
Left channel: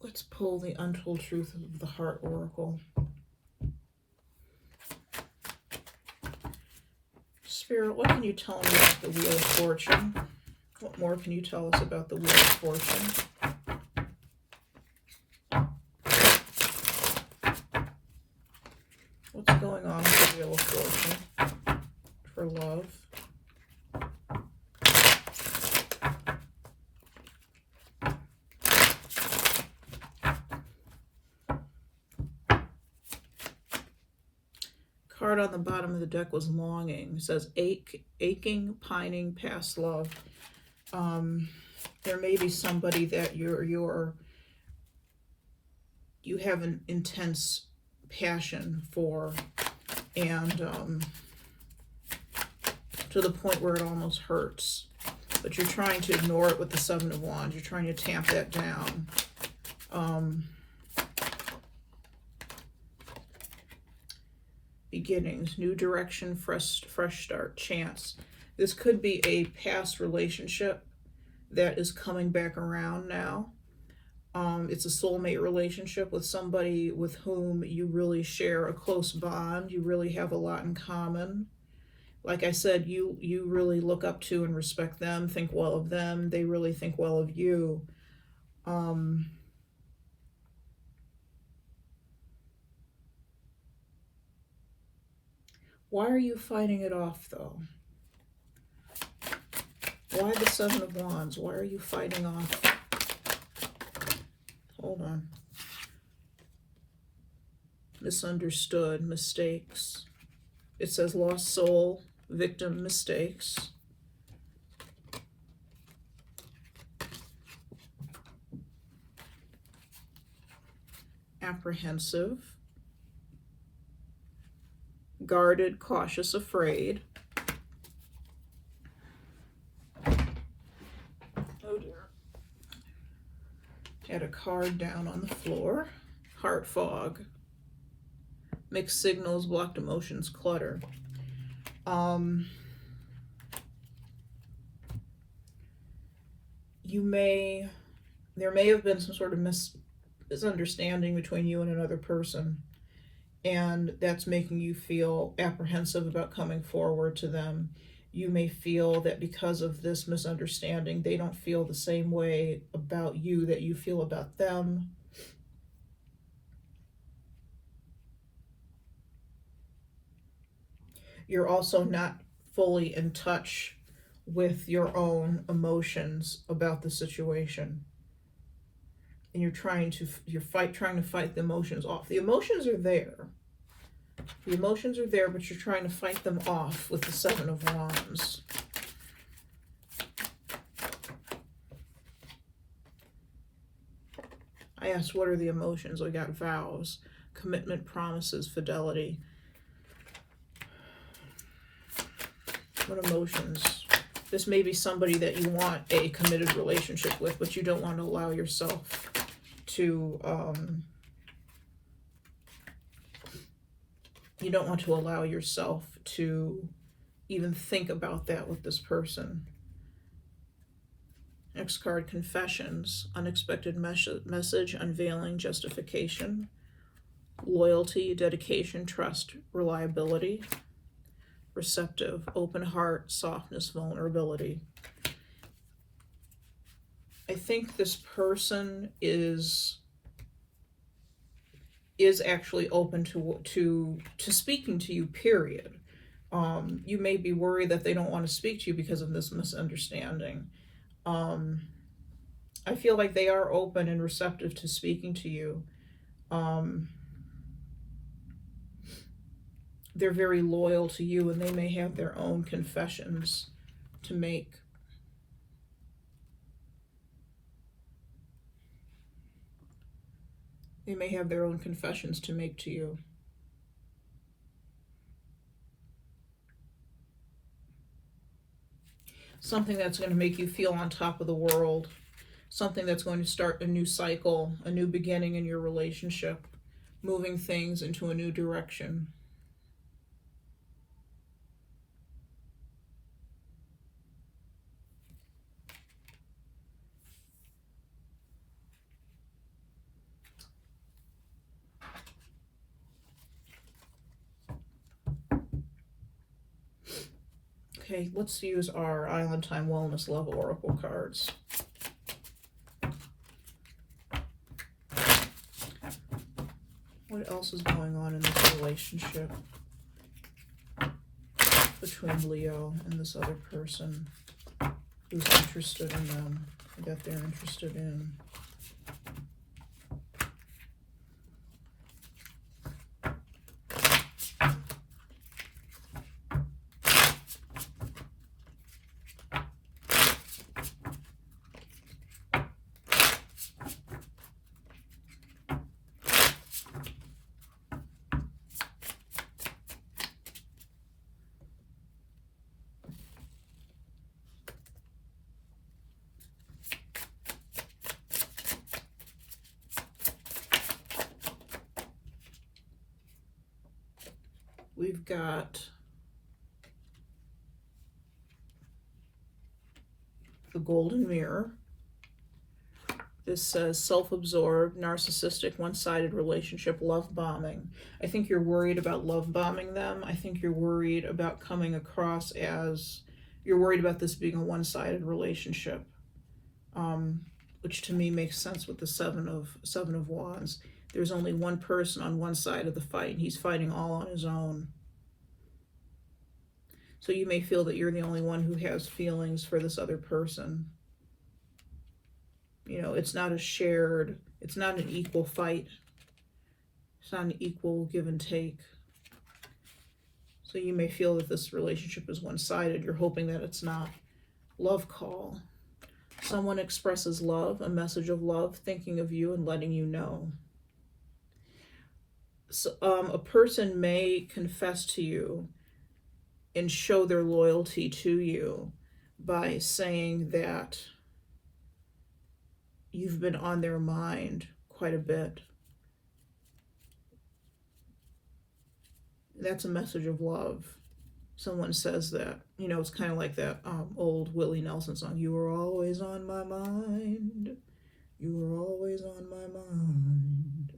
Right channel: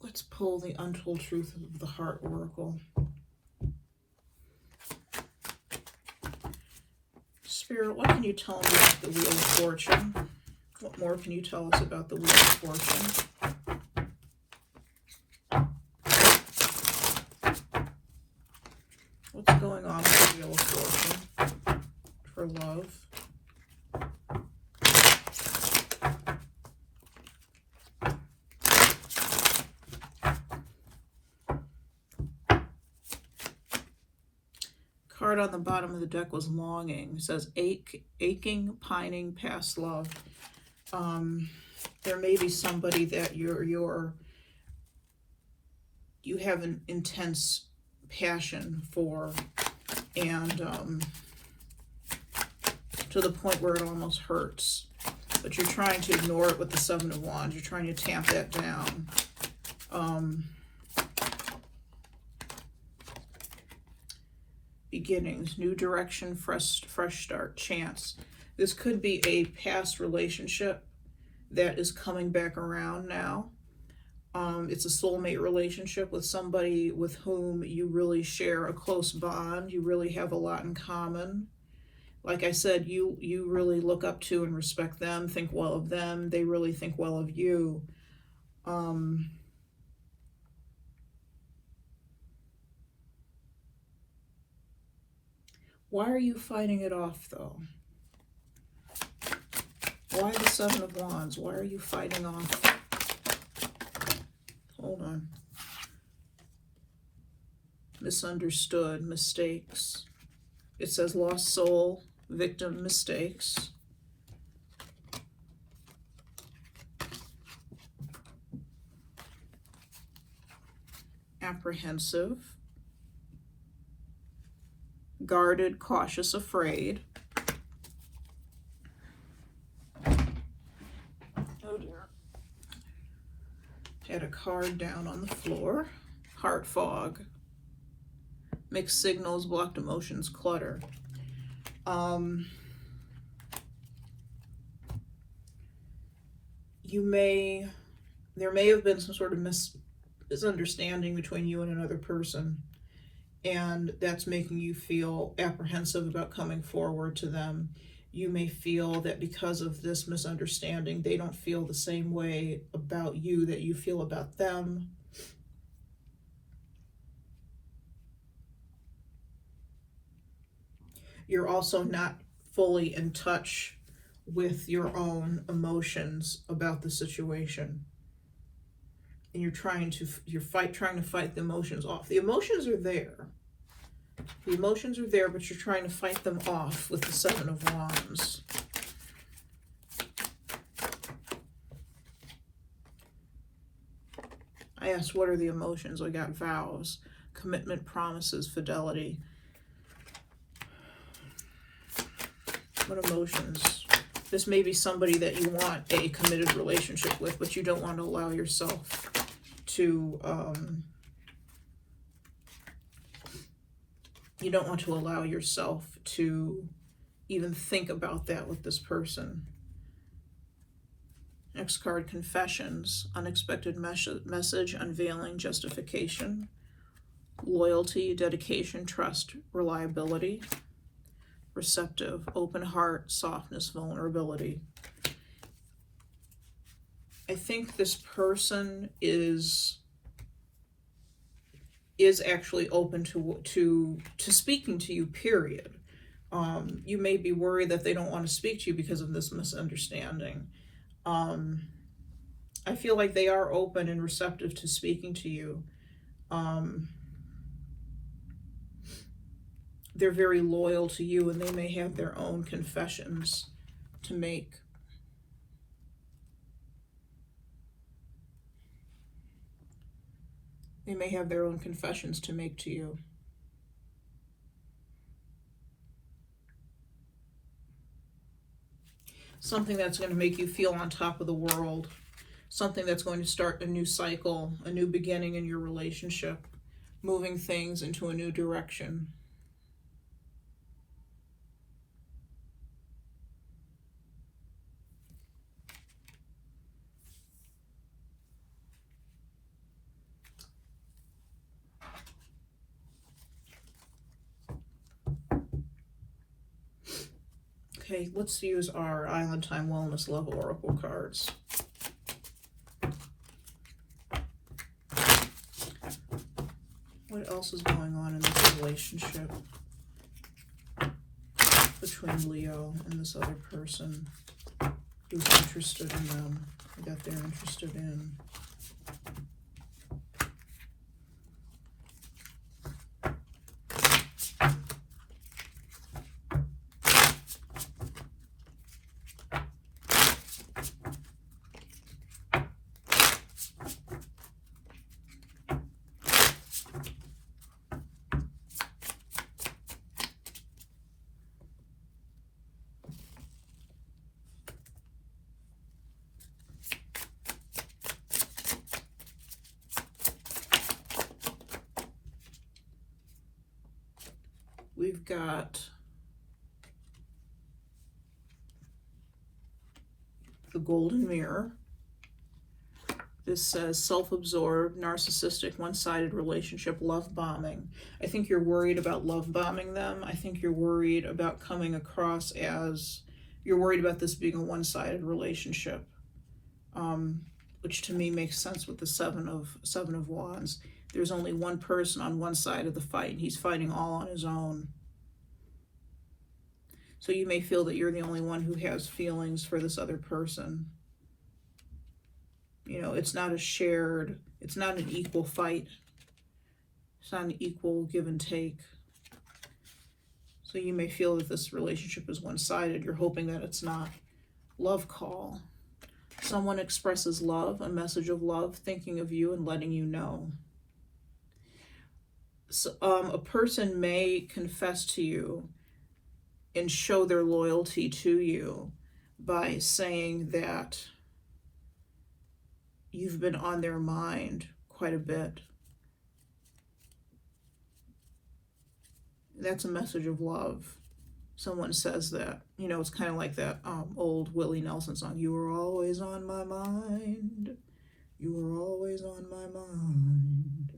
Let's pull the Untold Truth of the Heart Oracle. Spirit, what can you tell me about the Wheel of Fortune? What more can you tell us about the Wheel of Fortune? What's going on with the Wheel of Fortune for love? Card on the bottom of the deck was longing. It says aching, pining past love. There may be somebody that you have an intense passion for, and to the point where it almost hurts, but you're trying to ignore it with the 7 of Wands. You're trying to tamp that down. Beginnings, new direction, fresh start, chance. This could be a past relationship that is coming back around now. It's a soulmate relationship with somebody with whom you really share a close bond. You really have a lot in common. Like I said, you really look up to and respect them, think well of them. They really think well of you. Why are you fighting it off, though? Why the Seven of Wands? Why are you fighting off? Hold on. Misunderstood, mistakes. It says lost soul, victim, mistakes. Apprehensive. Guarded, cautious, afraid. Oh dear. Had a card down on the floor. Heart fog. Mixed signals, blocked emotions, clutter. There may have been some sort of misunderstanding between you and another person, and that's making you feel apprehensive about coming forward to them. You may feel that because of this misunderstanding, they don't feel the same way about you that you feel about them. You're also not fully in touch with your own emotions about the situation. And you're trying to fight the emotions off. The emotions are there. The emotions are there, but you're trying to fight them off with the Seven of Wands. I asked, what are the emotions? I got vows, commitment, promises, fidelity. What emotions? This may be somebody that you want a committed relationship with, but you don't want to allow yourself to, even think about that with this person. Next card, confessions, unexpected message, unveiling, justification, loyalty, dedication, trust, reliability, receptive, open heart, softness, vulnerability. I think this person is actually open to speaking to you, period. You may be worried that they don't want to speak to you because of this misunderstanding. I feel like they are open and receptive to speaking to you. They're very loyal to you, and they may have their own confessions to make. They may have their own confessions to make to you. Something that's going to make you feel on top of the world. Something that's going to start a new cycle, a new beginning in your relationship, moving things into a new direction. Okay, let's use our Island Time Wellness Love Oracle cards. What else is going on in this relationship between Leo and this other person who's interested in them, that they're interested in? We've got the Golden Mirror. This says self-absorbed, narcissistic, one-sided relationship, love bombing. I think you're worried about love bombing them. I think you're worried about coming across as, you're worried about this being a one-sided relationship, which to me makes sense with the Seven of Wands. There's only one person on one side of the fight, and he's fighting all on his own. So you may feel that you're the only one who has feelings for this other person. You know, it's not a shared, it's not an equal fight. It's not an equal give and take. So you may feel that this relationship is one-sided. You're hoping that it's not. Love call. Someone expresses love, a message of love, thinking of you and letting you know. So, a person may confess to you and show their loyalty to you by saying that you've been on their mind quite a bit. That's a message of love. Someone says that, you know, it's kind of like that old Willie Nelson song, you were always on my mind, you were always on my mind.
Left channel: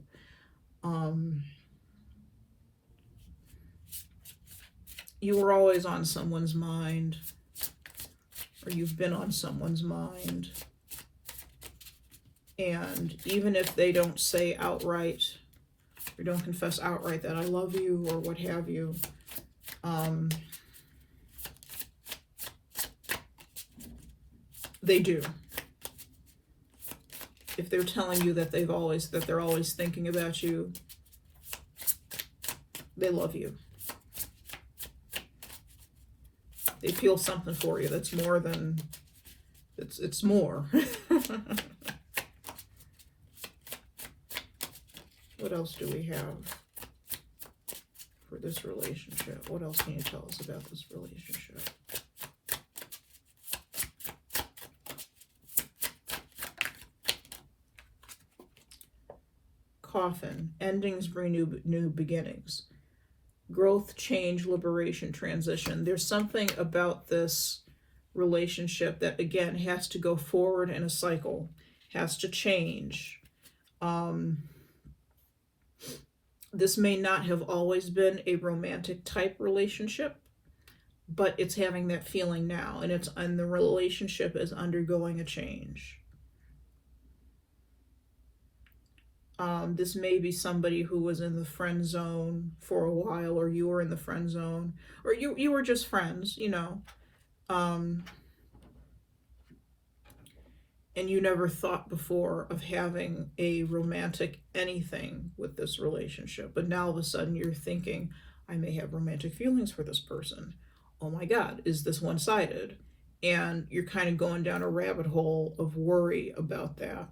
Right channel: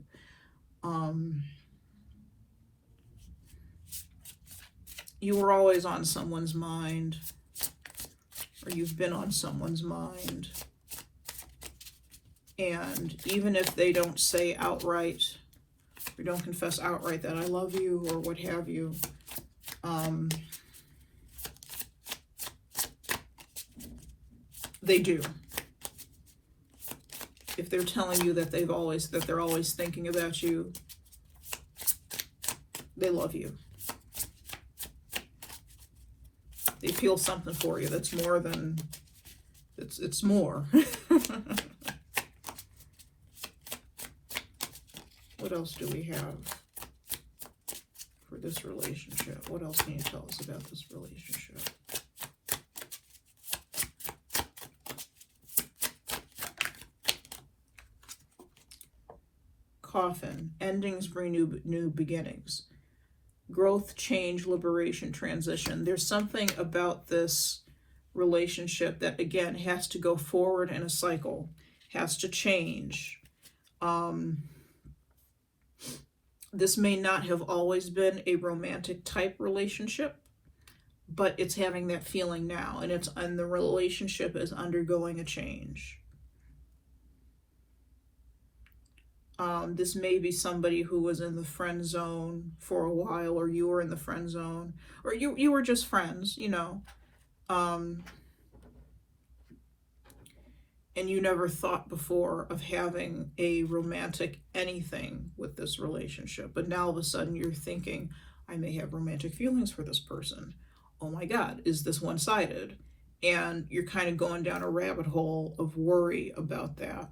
You were always on someone's mind, or you've been on someone's mind. And even if they don't say outright, or don't confess outright that I love you, or what have you, they do. If they're telling you that they're always thinking about you, they love you. They feel something for you that's more than, it's more. What else do we have for this relationship? What else can you tell us about this relationship? Coffin. Endings bring new beginnings. Growth, change, liberation, transition. There's something about this relationship that, again, has to go forward in a cycle, has to change. This may not have always been a romantic type relationship, but it's having that feeling now, and the relationship is undergoing a change. This may be somebody who was in the friend zone for a while, or you were in the friend zone, or you were just friends, you know. And you never thought before of having a romantic anything with this relationship. But now all of a sudden you're thinking, I may have romantic feelings for this person. Oh my God, is this one-sided? And you're kind of going down a rabbit hole of worry about that.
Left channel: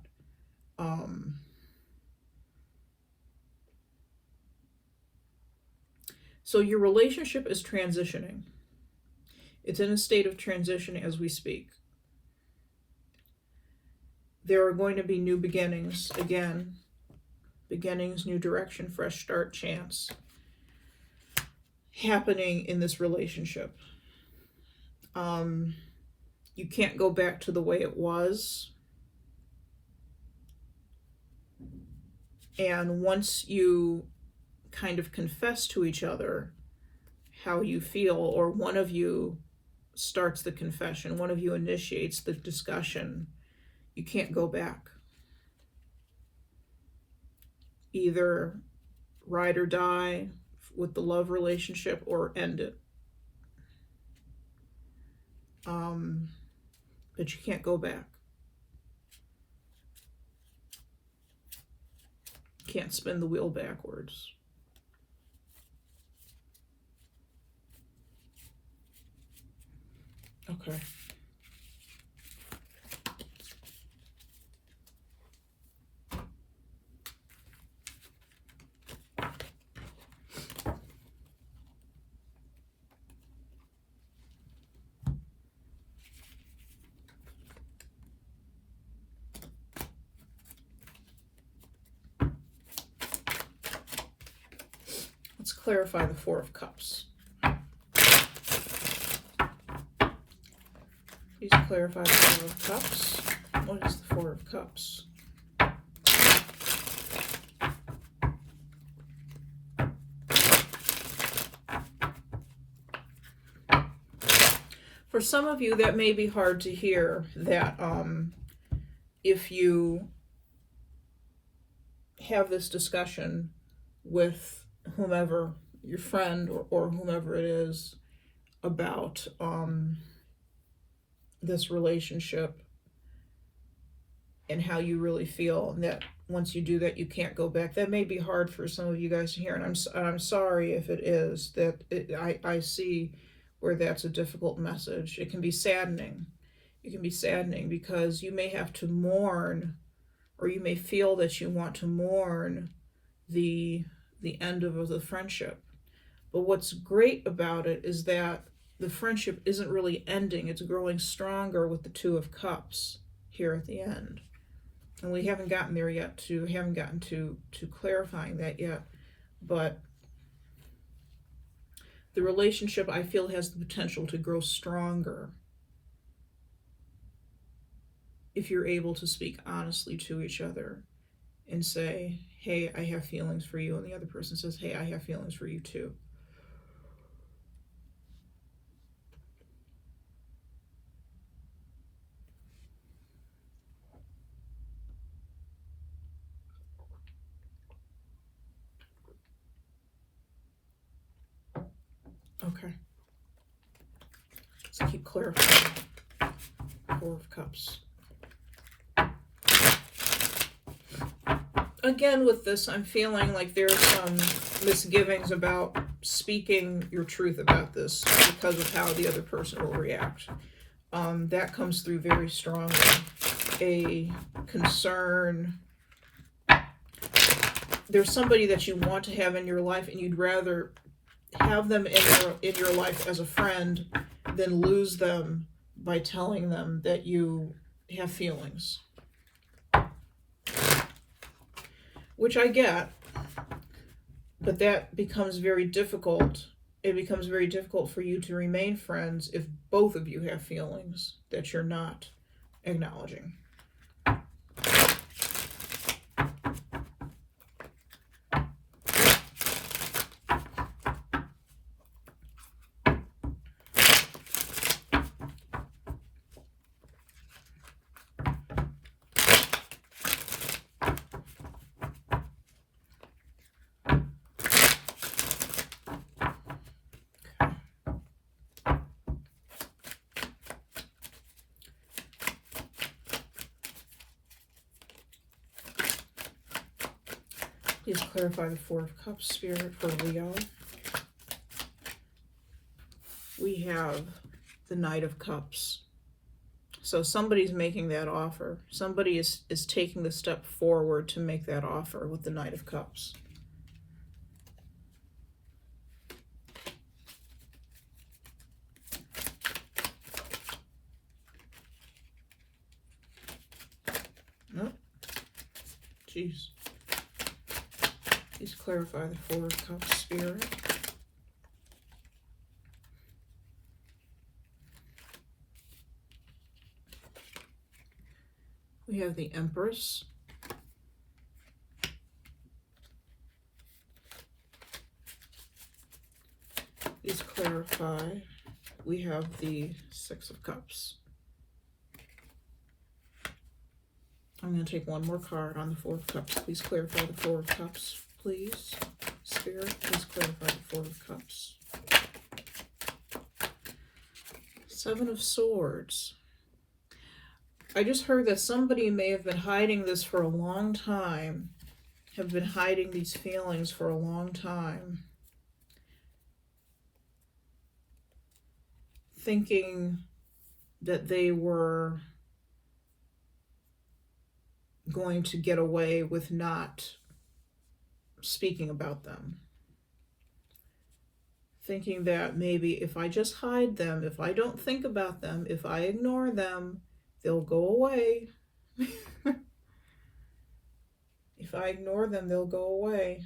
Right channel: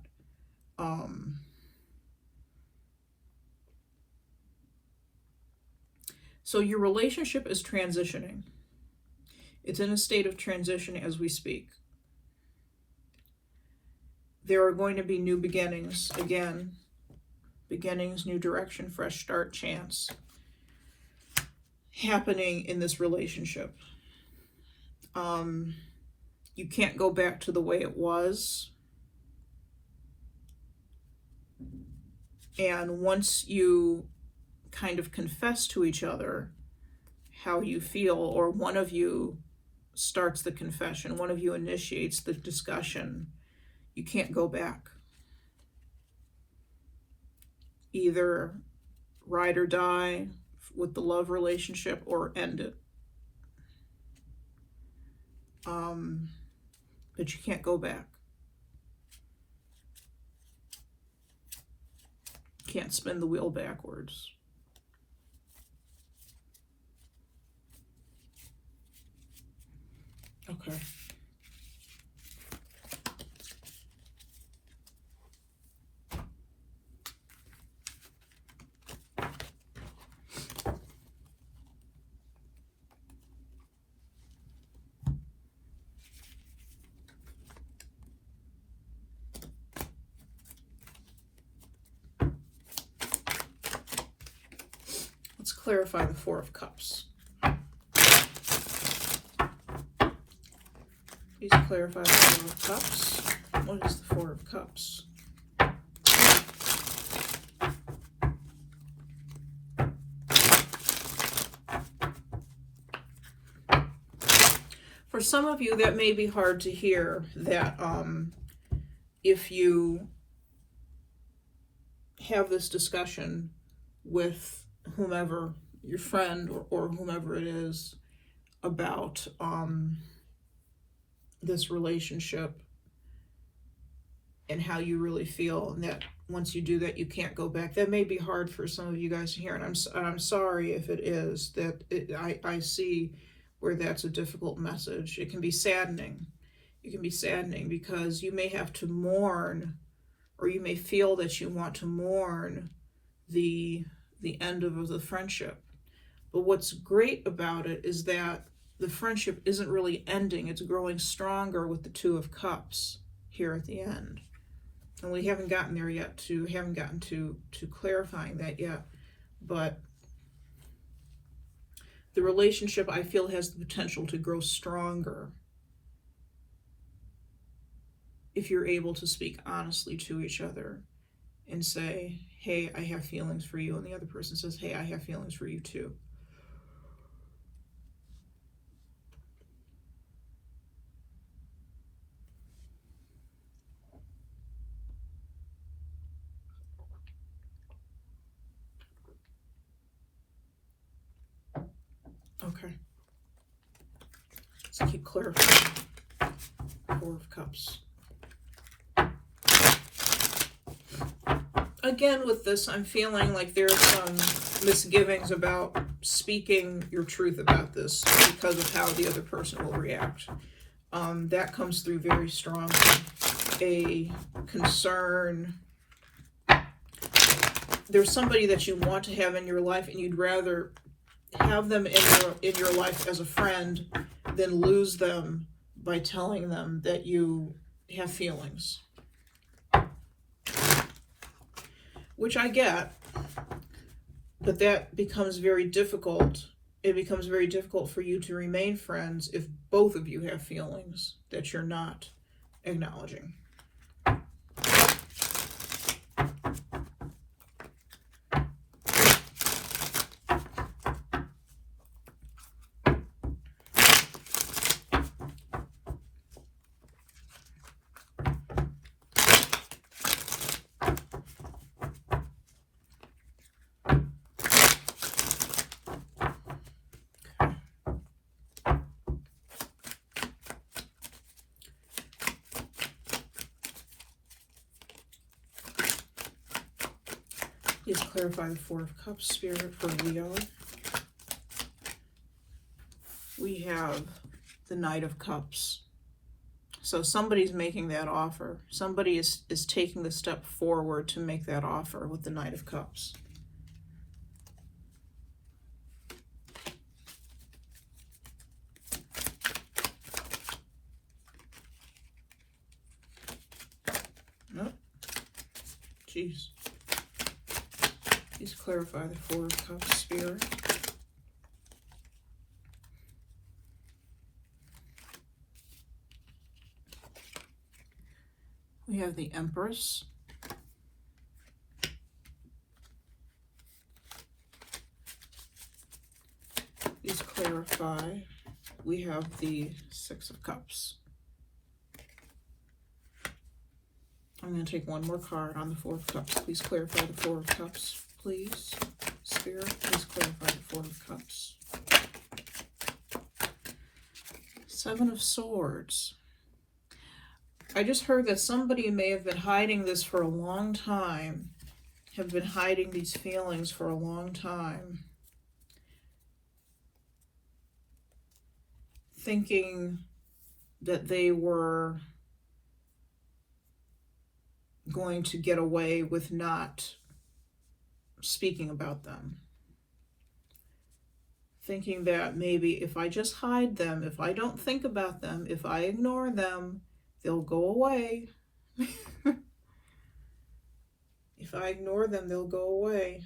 So your relationship is transitioning. It's in a state of transition as we speak. There are going to be new beginnings, again. Beginnings, new direction, fresh start, chance happening in this relationship. You can't go back to the way it was. And once you kind of confess to each other how you feel, or one of you starts the confession, one of you initiates the discussion, you can't go back. Either ride or die with the love relationship, or end it. But you can't go back. Can't spin the wheel backwards. Okay. Let's clarify the Four of Cups. Please clarify the Four of Cups. What is the Four of Cups? For some of you, that may be hard to hear, that if you have this discussion with whomever, your friend or whomever it is, about this relationship and how you really feel, and that once you do that, you can't go back. That may be hard for some of you guys to hear, and I'm sorry if it is. I see where that's a difficult message. It can be saddening. It can be saddening because you may have to mourn, or you may feel that you want to mourn the end of the friendship. But what's great about it is that the friendship isn't really ending. It's growing stronger with the Two of Cups here at the end. And we haven't gotten there yet, haven't gotten to clarifying that yet. But the relationship, I feel, has the potential to grow stronger if you're able to speak honestly to each other and say, hey, I have feelings for you. And the other person says, hey, I have feelings for you too. Okay. Let's keep clarifying. Four of Cups. Again, with this, I'm feeling like there's some misgivings about speaking your truth about this because of how the other person will react. That comes through very strongly. A concern. There's somebody that you want to have in your life, and you'd rather have them in your life as a friend than lose them by telling them that you have feelings. Which I get, but that becomes very difficult. It becomes very difficult for you to remain friends if both of you have feelings that you're not acknowledging. Please clarify the Four of Cups, Spirit, for Leo. We have the Knight of Cups. So somebody's making that offer. Somebody is taking the step forward to make that offer with the Knight of Cups. Oh, jeez. Please clarify the Four of Cups, Spirit. We have the Empress. Please clarify. We have the Six of Cups. I'm going to take one more card on the Four of Cups. Please clarify the Four of Cups, please. Spirit, please clarify the Four of Cups. Seven of Swords. I just heard that somebody may have been hiding this for a long time, have been hiding these feelings for a long time, thinking that they were going to get away with not speaking about them. Thinking that maybe if I just hide them, if I don't think about them, if I ignore them, they'll go away. If I ignore them, they'll go away.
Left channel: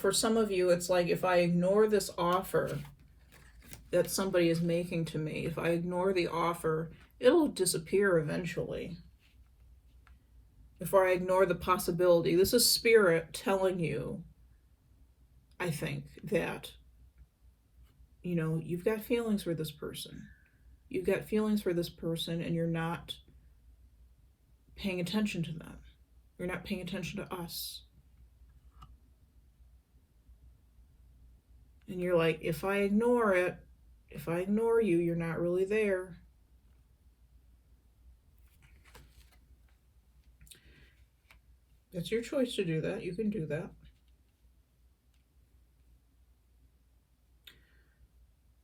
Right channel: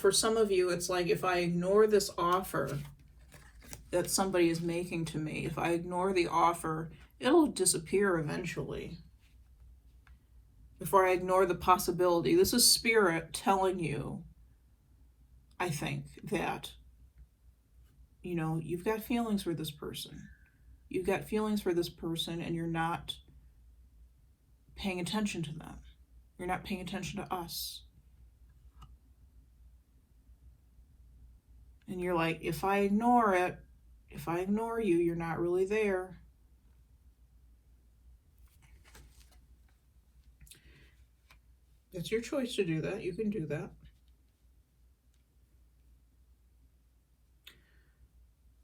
For some of you, it's like if I ignore this offer that somebody is making to me, if I ignore the offer, it'll disappear eventually. If I ignore the possibility, this is Spirit telling you, I think, that, you know, you've got feelings for this person. You've got feelings for this person, and you're not paying attention to them. You're not paying attention to us. And you're like, if I ignore it, if I ignore you, you're not really there. It's your choice to do that. You can do that.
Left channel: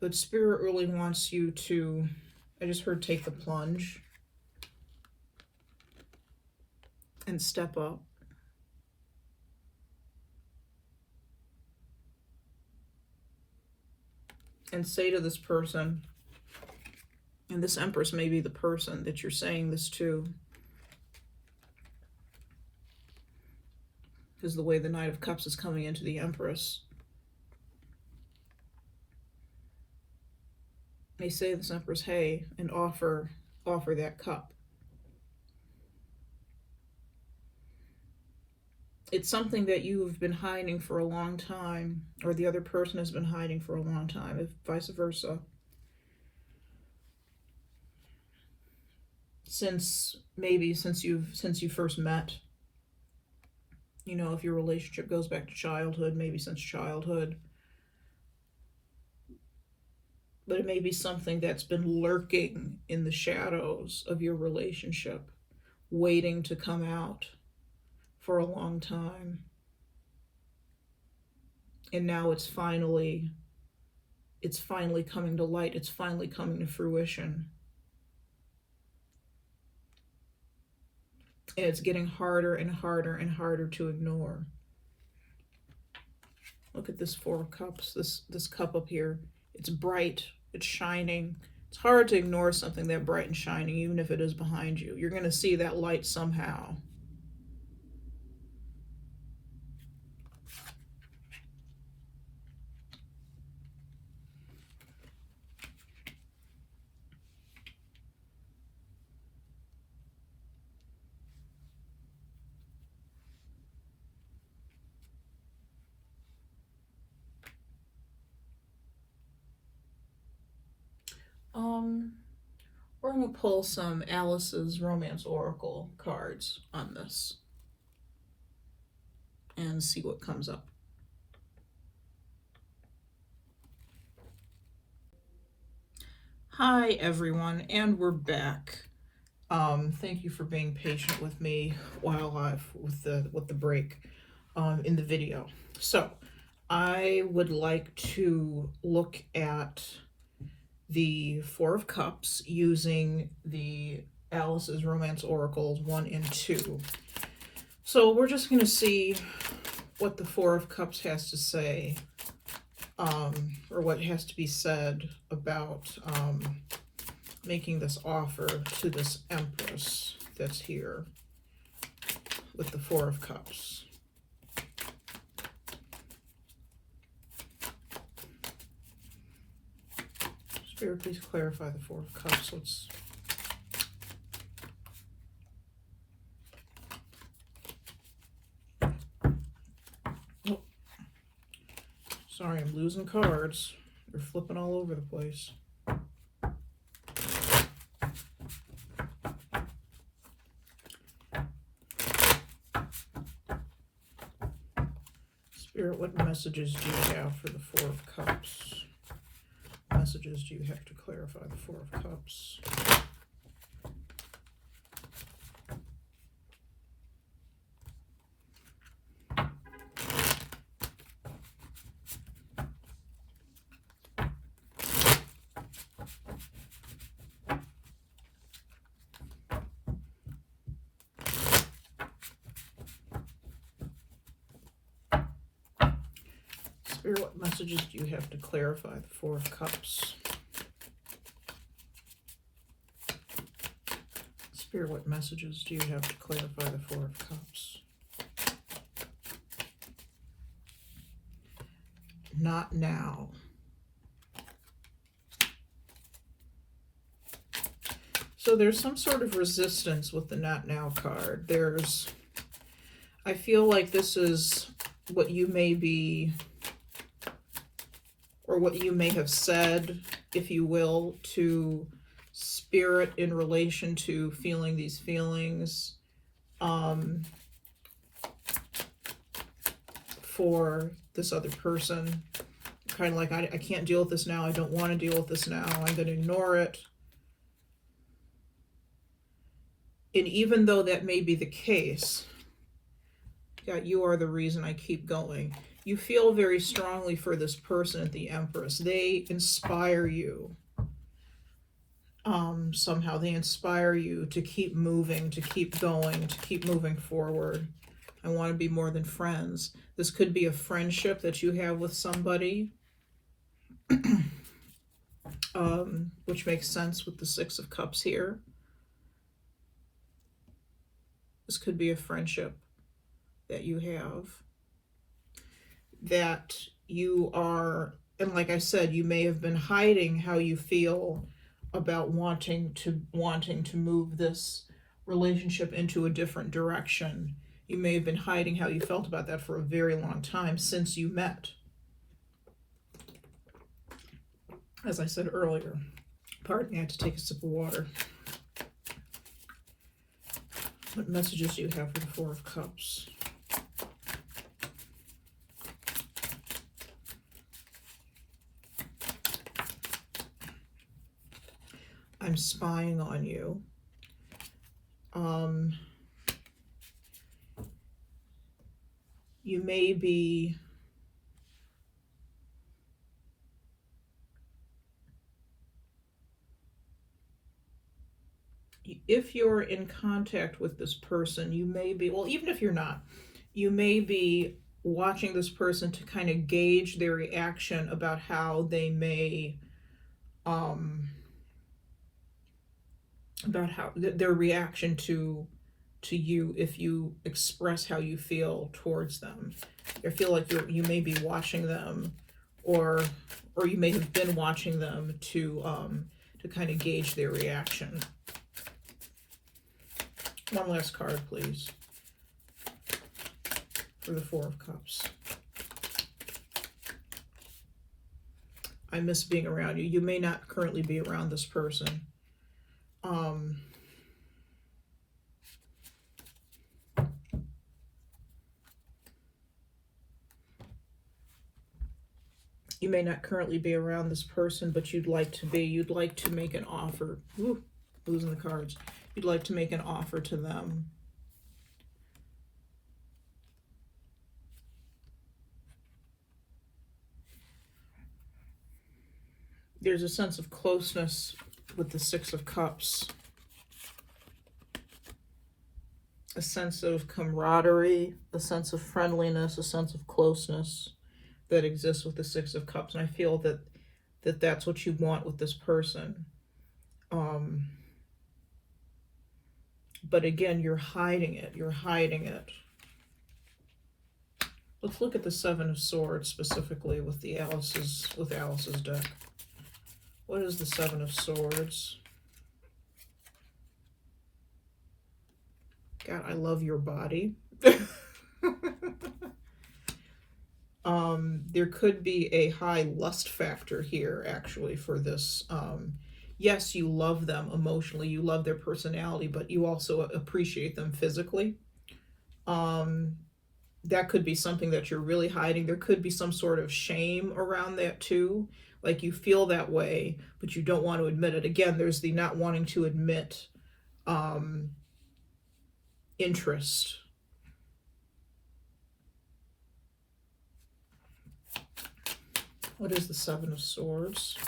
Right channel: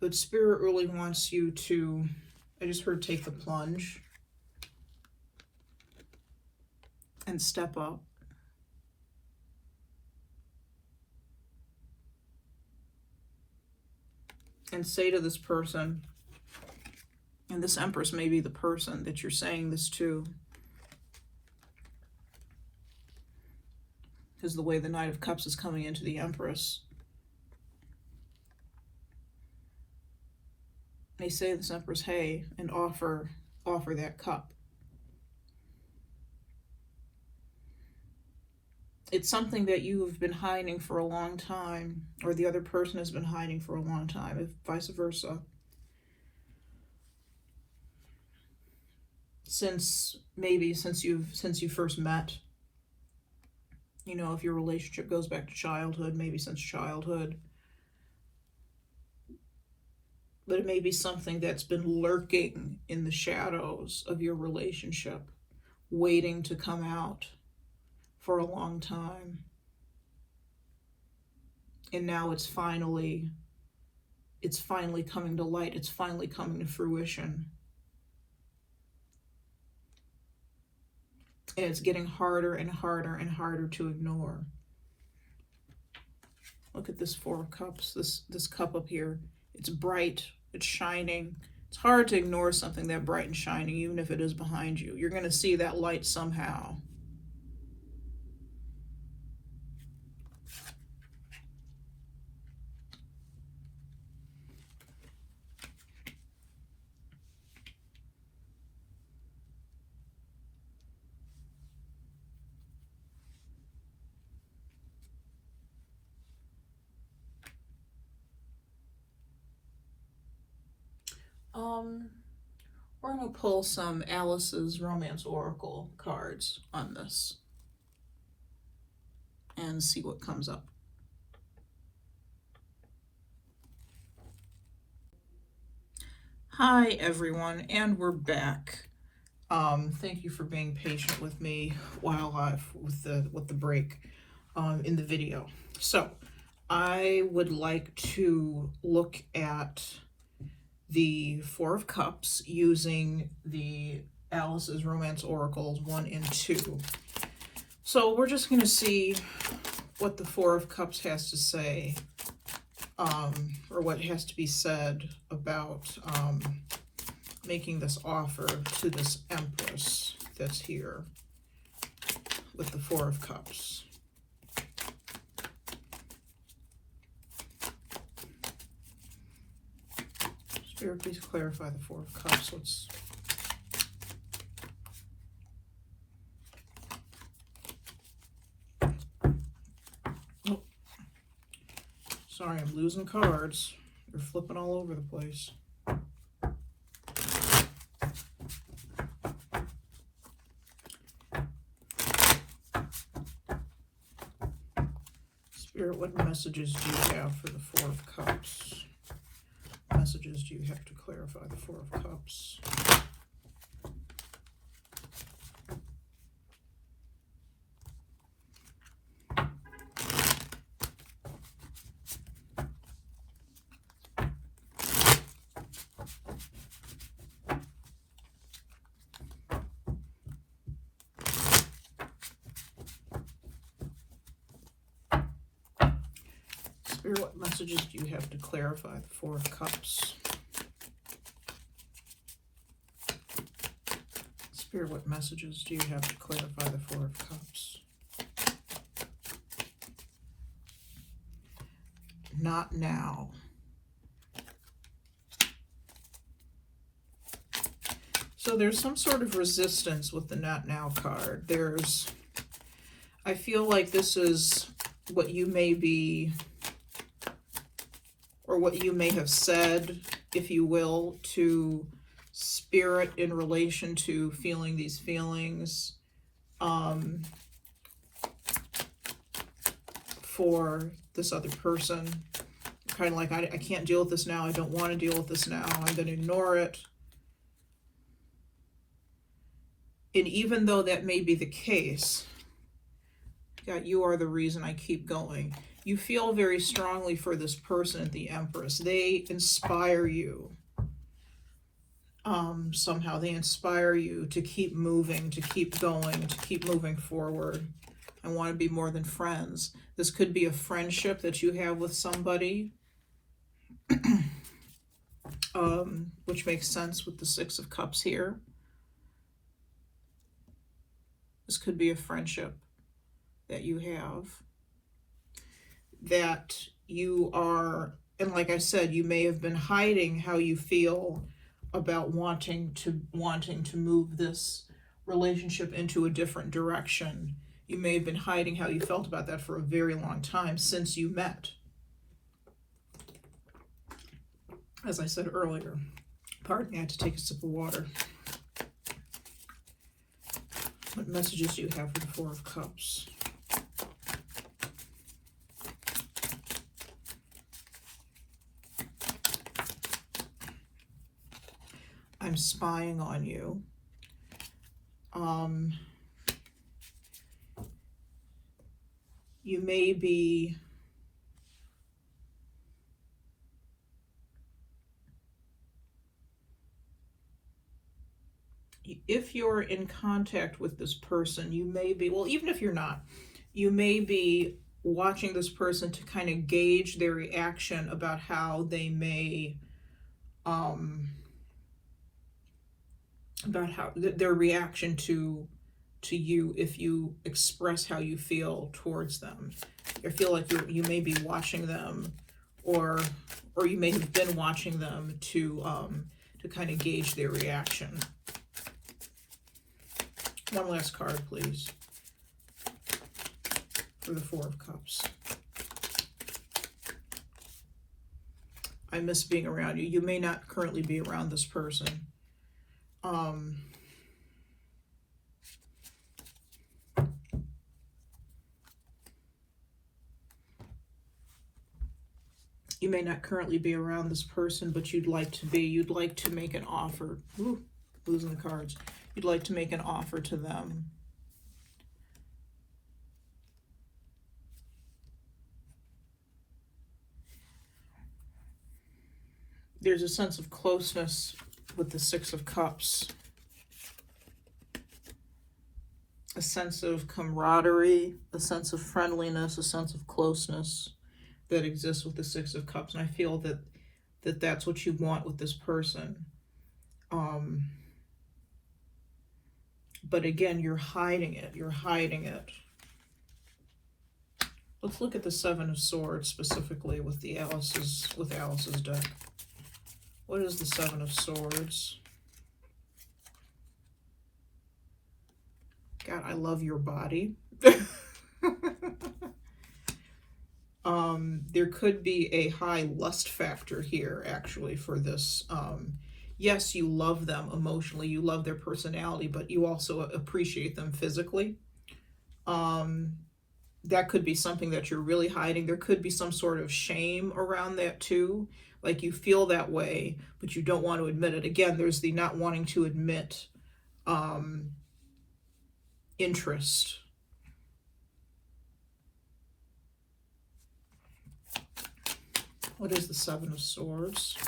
But Spirit really wants you to, I just heard, take the plunge and step up. And say to this person, and this Empress may be the person that you're saying this to, because the way the Knight of Cups is coming into the Empress. They say to this Empress, hey, and offer that cup. It's something that you've been hiding for a long time, or the other person has been hiding for a long time, if vice versa. Since you first met. You know, if your relationship goes back to childhood, maybe since childhood. But it may be something that's been lurking in the shadows of your relationship, waiting to come out for a long time. And now it's finally coming to light. It's finally coming to fruition. And it's getting harder and harder and harder to ignore. Look at this Four of Cups, this cup up here. It's bright, it's shining. It's hard to ignore something that bright and shining, even if it is behind you. You're going to see that light somehow. We're going to pull some Alice's Romance Oracle cards on this and see what comes up. Hi everyone, and we're back. Thank you for being patient with me while with the break in the video. So I would like to look at the Four of Cups using the Alice's Romance Oracles 1 and 2. So we're just going to see what the Four of Cups has to say, or what has to be said about making this offer to this Empress that's here with the Four of Cups. Spirit, please clarify the Four of Cups. Oh, sorry, I'm losing cards. They're flipping all over the place. Spirit, what messages do you have for the Four of Cups? Messages do you have to clarify the Four of Cups? Spirit, what messages do you have to clarify the Four of Cups? Spirit, what messages do you have to clarify the Four of Cups? Not now. there's some sort of resistance with the Not Now card. I feel like this is what you may be, or what you may have said, if you will, to Spirit in relation to feeling these feelings for this other person. Kind of like, I can't deal with this now. I don't want to deal with this now. I'm going to ignore it. And even though that may be the case, God, you are the reason I keep going. You feel very strongly for this person at the Empress. They inspire you. Somehow they inspire you to keep moving, to keep going, to keep moving forward. I want to be more than friends. This could be a friendship that you have with somebody, which makes sense with the Six of Cups here. This could be a friendship that you have, that you are, and like I said, you may have been hiding how you feel about wanting to move this relationship into a different direction. You may have been hiding how you felt about that for a very long time since you met. As I said earlier, pardon me, I had to take a sip of water. What messages do you have for the Four of Cups? I'm spying on you. You may be if you're in contact with this person, you may be, well, even if you're not, you may be watching this person to kind of gauge their reaction about how they may, about how their reaction to you if you express how you feel towards them. I feel like you may be watching them, or you may have been watching them to kind of gauge their reaction. One last card, please, for the Four of Cups. I miss being around you. You may not currently be around this person. You may not currently be around this person, but you'd like to be. You'd like to make an offer. Ooh, losing the cards. You'd like to make an offer to them. There's a sense of closeness with the Six of Cups. A sense of camaraderie, a sense of friendliness, a sense of closeness that exists with the Six of Cups. And I feel that that's what you want with this person. But again, you're hiding it. You're hiding it. Let's look at the Seven of Swords specifically with Alice's deck. What is the Seven of Swords? God, I love your body. There could be a high lust factor here, actually, for this. Yes, you love them emotionally, you love their personality, but you also appreciate them physically. That could be something that you're really hiding. There could be some sort of shame around that too. Like you feel that way, but you don't want to admit it. Again, there's the not wanting to admit interest. What is the Seven of Swords?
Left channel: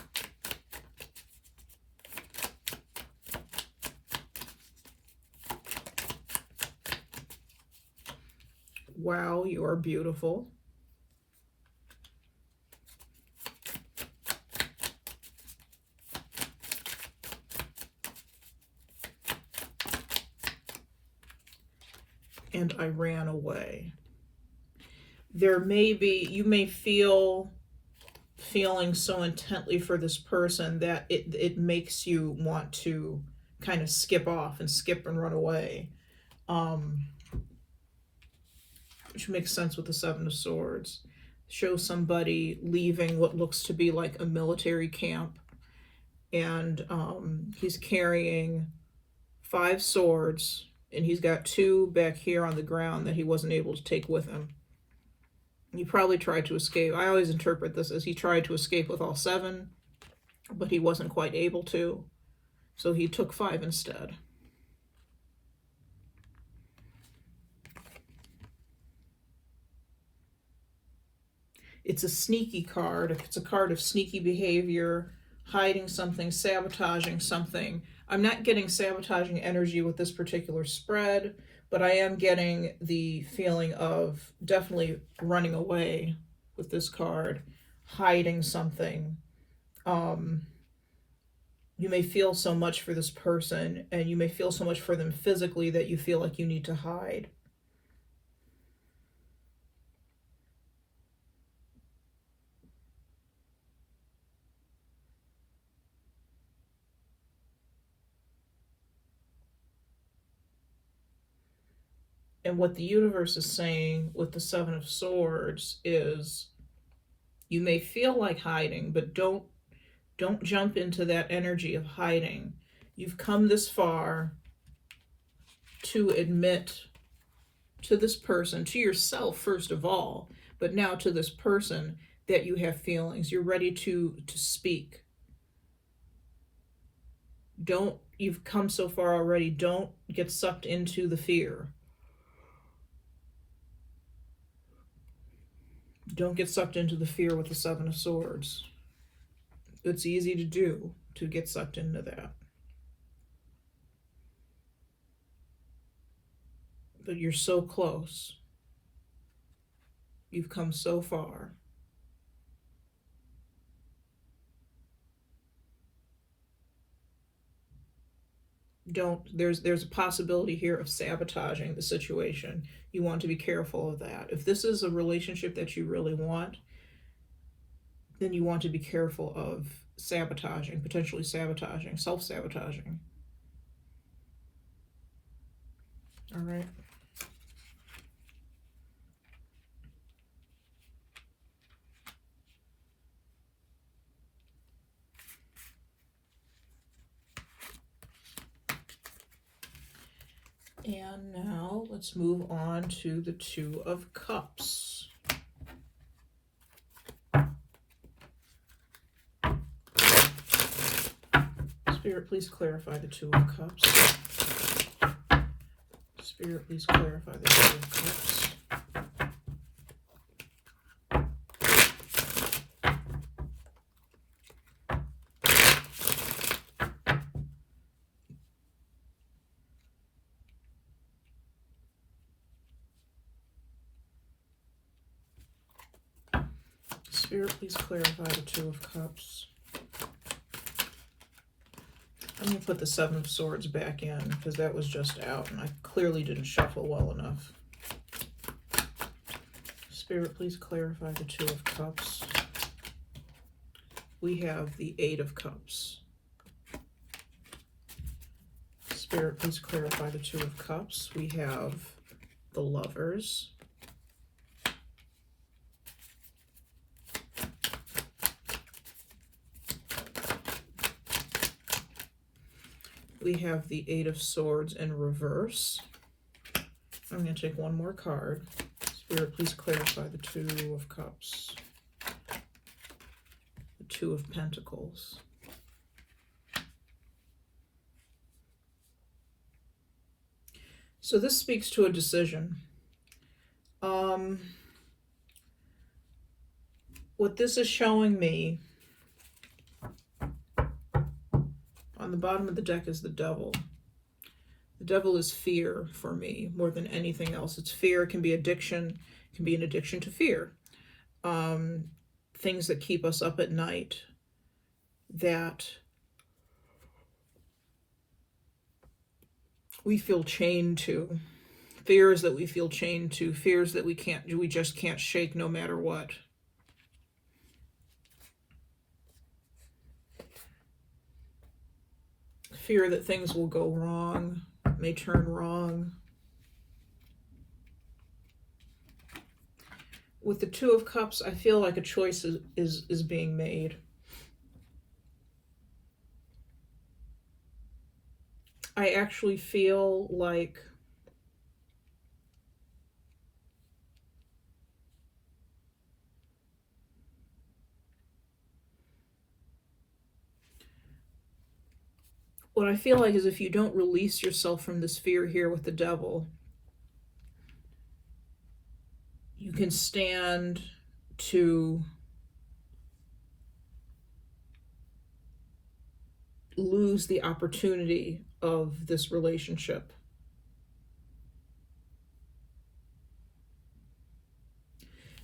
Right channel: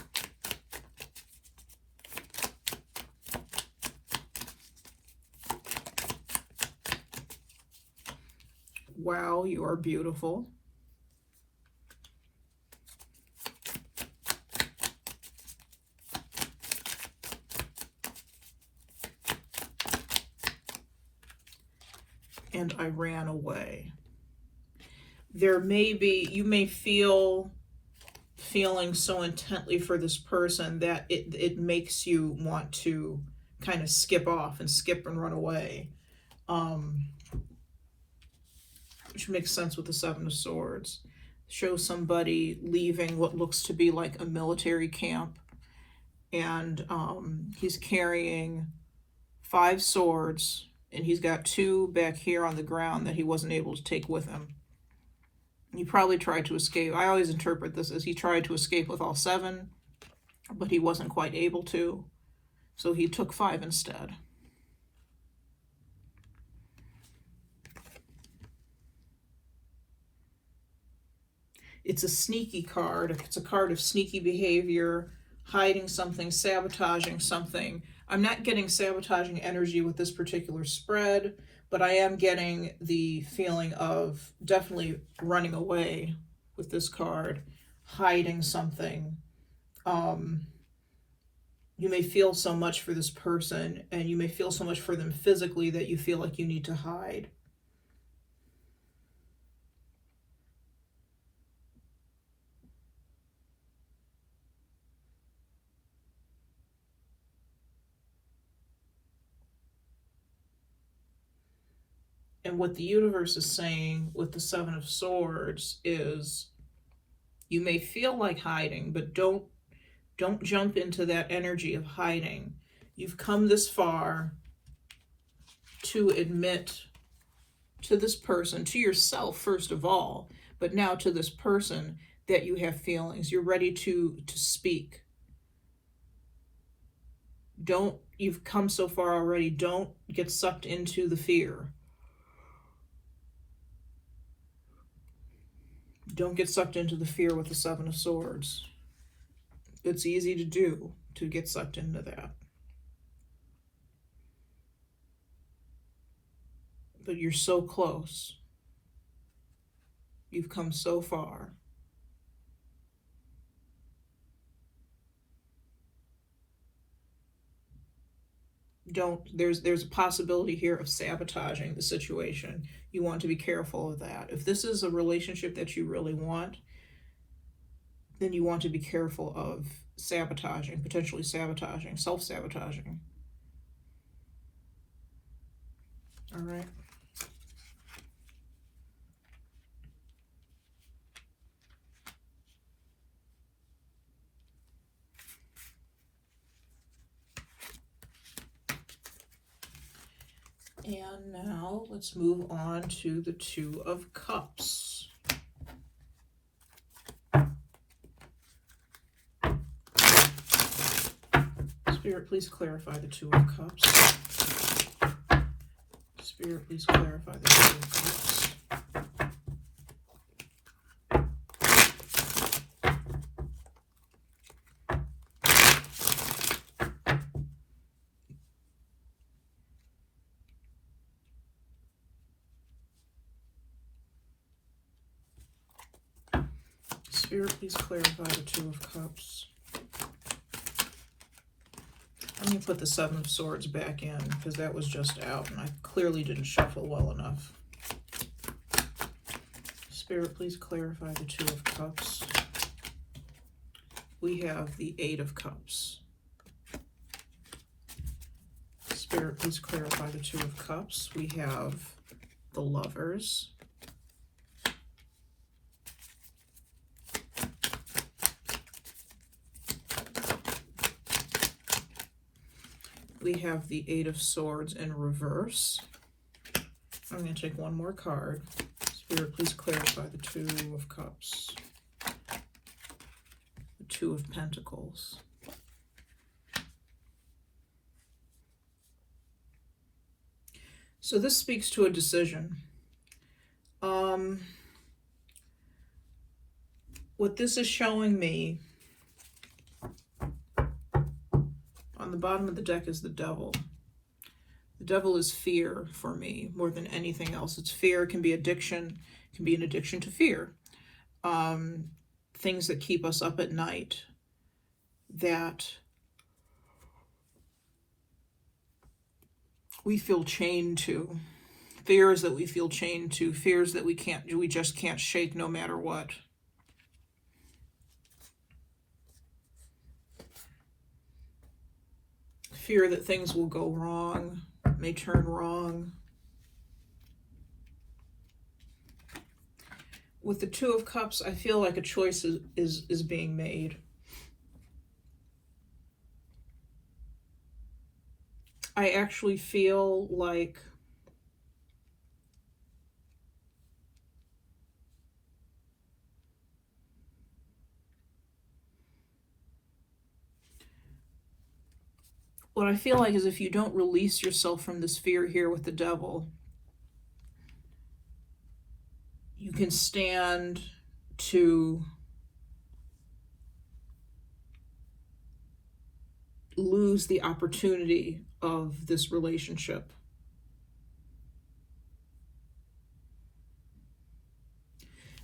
Wow, you are beautiful. And I ran away. There may be, you may feel feeling so intently for this person that it makes you want to kind of skip off and skip and run away. Which makes sense with the Seven of Swords. Show somebody leaving what looks to be like a military camp, and he's carrying 5 swords, and he's got 2 back here on the ground that he wasn't able to take with him. He probably tried to escape. I always interpret this as he tried to escape with all 7, but he wasn't quite able to, so he took 5 instead. It's a sneaky card. It's a card of sneaky behavior, hiding something, sabotaging something. I'm not getting sabotaging energy with this particular spread, but I am getting the feeling of definitely running away with this card, hiding something. You may feel so much for this person, and you may feel so much for them physically that you feel like you need to hide. And what the universe is saying with the Seven of Swords is you may feel like hiding, but don't jump into that energy of hiding. You've come this far to admit to this person, to yourself first of all, but now to this person, that you have feelings. You're ready to speak. You've come so far already. Don't get sucked into the fear. Don't get sucked into the fear with the Seven of Swords. It's easy to do, to get sucked into that. But you're so close. You've come so far. There's a possibility here of sabotaging the situation. You want to be careful of that. If this is a relationship that you really want, then you want to be careful of sabotaging, potentially sabotaging, self-sabotaging. All right. And now let's move on to the Two of Cups. Spirit, please clarify the Two of Cups. Spirit, please clarify the Two of Cups. Spirit, please clarify the Two of Cups. Let me put the Seven of Swords back in, because that was just out and I clearly didn't shuffle well enough. Spirit, please clarify the Two of Cups. We have the Eight of Cups. Spirit, please clarify the Two of Cups. We have the Lovers. We have the Eight of Swords in reverse. I'm going to take one more card. Spirit, please clarify the Two of Cups. The Two of Pentacles. So this speaks to a decision. What this is showing me, on the bottom of the deck is the Devil. The Devil is fear for me more than anything else. It's fear. It can be addiction. It can be an addiction to fear. Things that keep us up at night, that we feel chained to. Fears that we feel chained to. Fears that we just can't shake no matter what. fear that things will go wrong, may turn wrong. With the Two of Cups, I feel like a choice is being made. I actually feel like what I feel like is if you don't release yourself from this fear here with the Devil, you can stand to lose the opportunity of this relationship.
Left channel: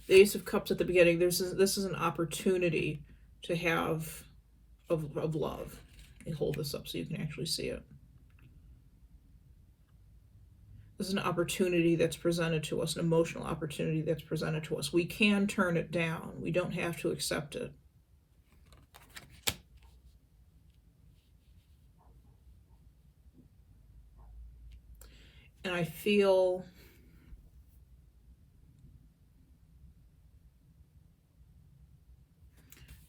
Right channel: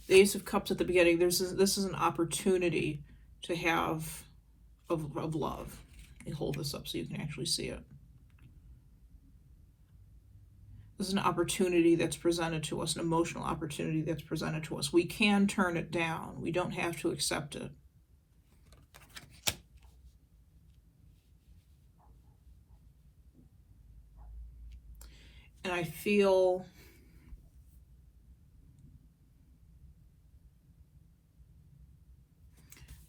The Ace of Cups at the beginning, this is an opportunity to have of love. Let me hold this up so you can actually see it. This is an opportunity that's presented to us, an emotional opportunity that's presented to us. We can turn it down. We don't have to accept it. And I feel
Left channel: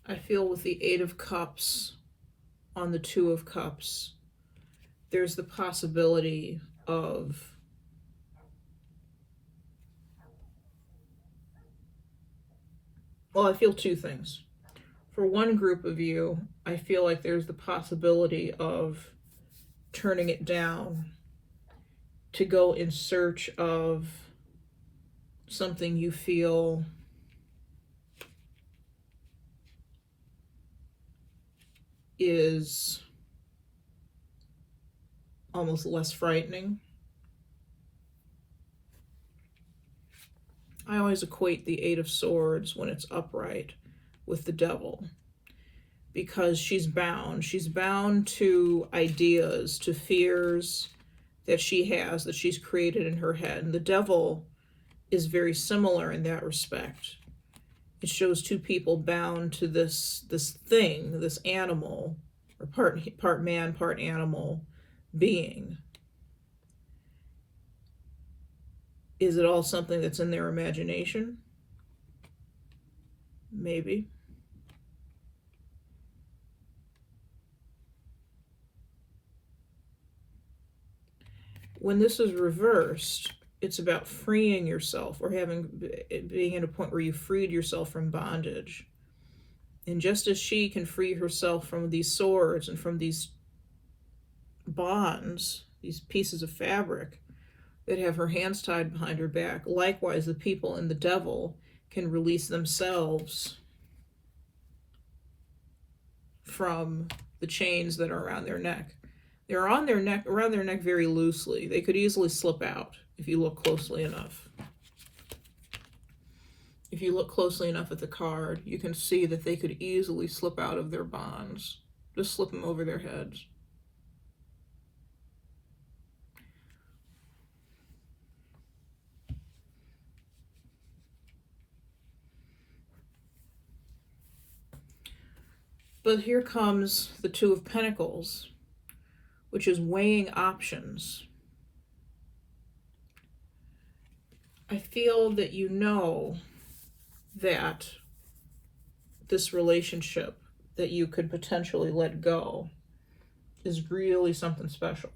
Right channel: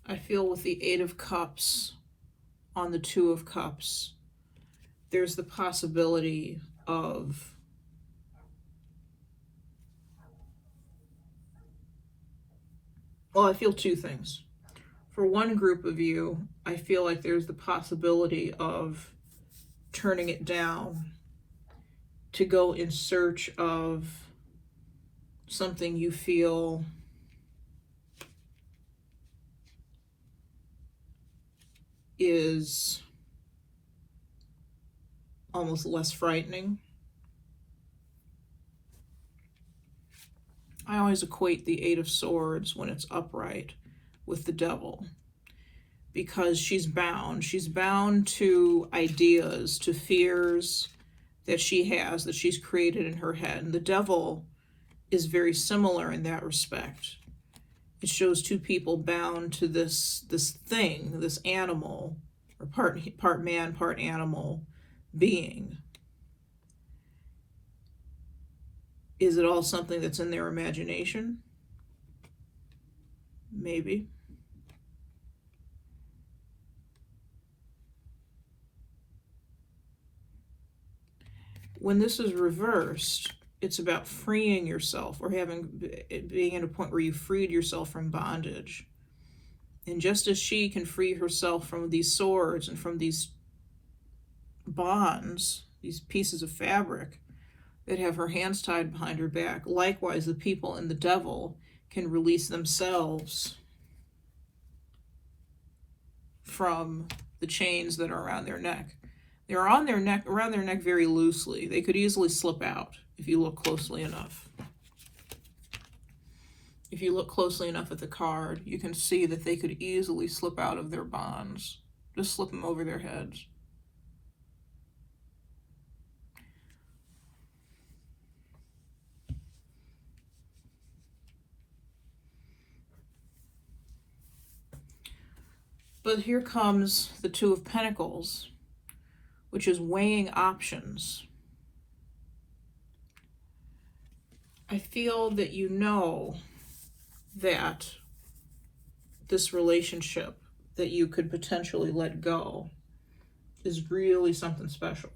with the Eight of Cups on the Two of Cups, there's the possibility of I feel two things. For one group of you, I feel like there's the possibility of turning it down to go in search of something you feel is almost less frightening. I always equate the Eight of Swords when it's upright with the Devil, because she's bound. She's bound to ideas, to fears that she has, that she's created in her head. And the Devil is very similar in that respect. It shows two people bound to this thing, this animal, or part man, part animal being. Is it all something that's in their imagination? Maybe. When this is reversed, it's about freeing yourself, or being at a point where you freed yourself from bondage. And just as she can free herself from these swords and from these bonds, these pieces of fabric that have her hands tied behind her back, likewise the people in the Devil can release themselves from the chains that are around their neck. They're around their neck very loosely. They could easily slip out if you look closely enough. If you look closely enough at the card, you can see that they could easily slip out of their bonds. Just slip them over their heads. But here comes the Two of Pentacles, which is weighing options. I feel that you know that this relationship that you could potentially let go is really something special.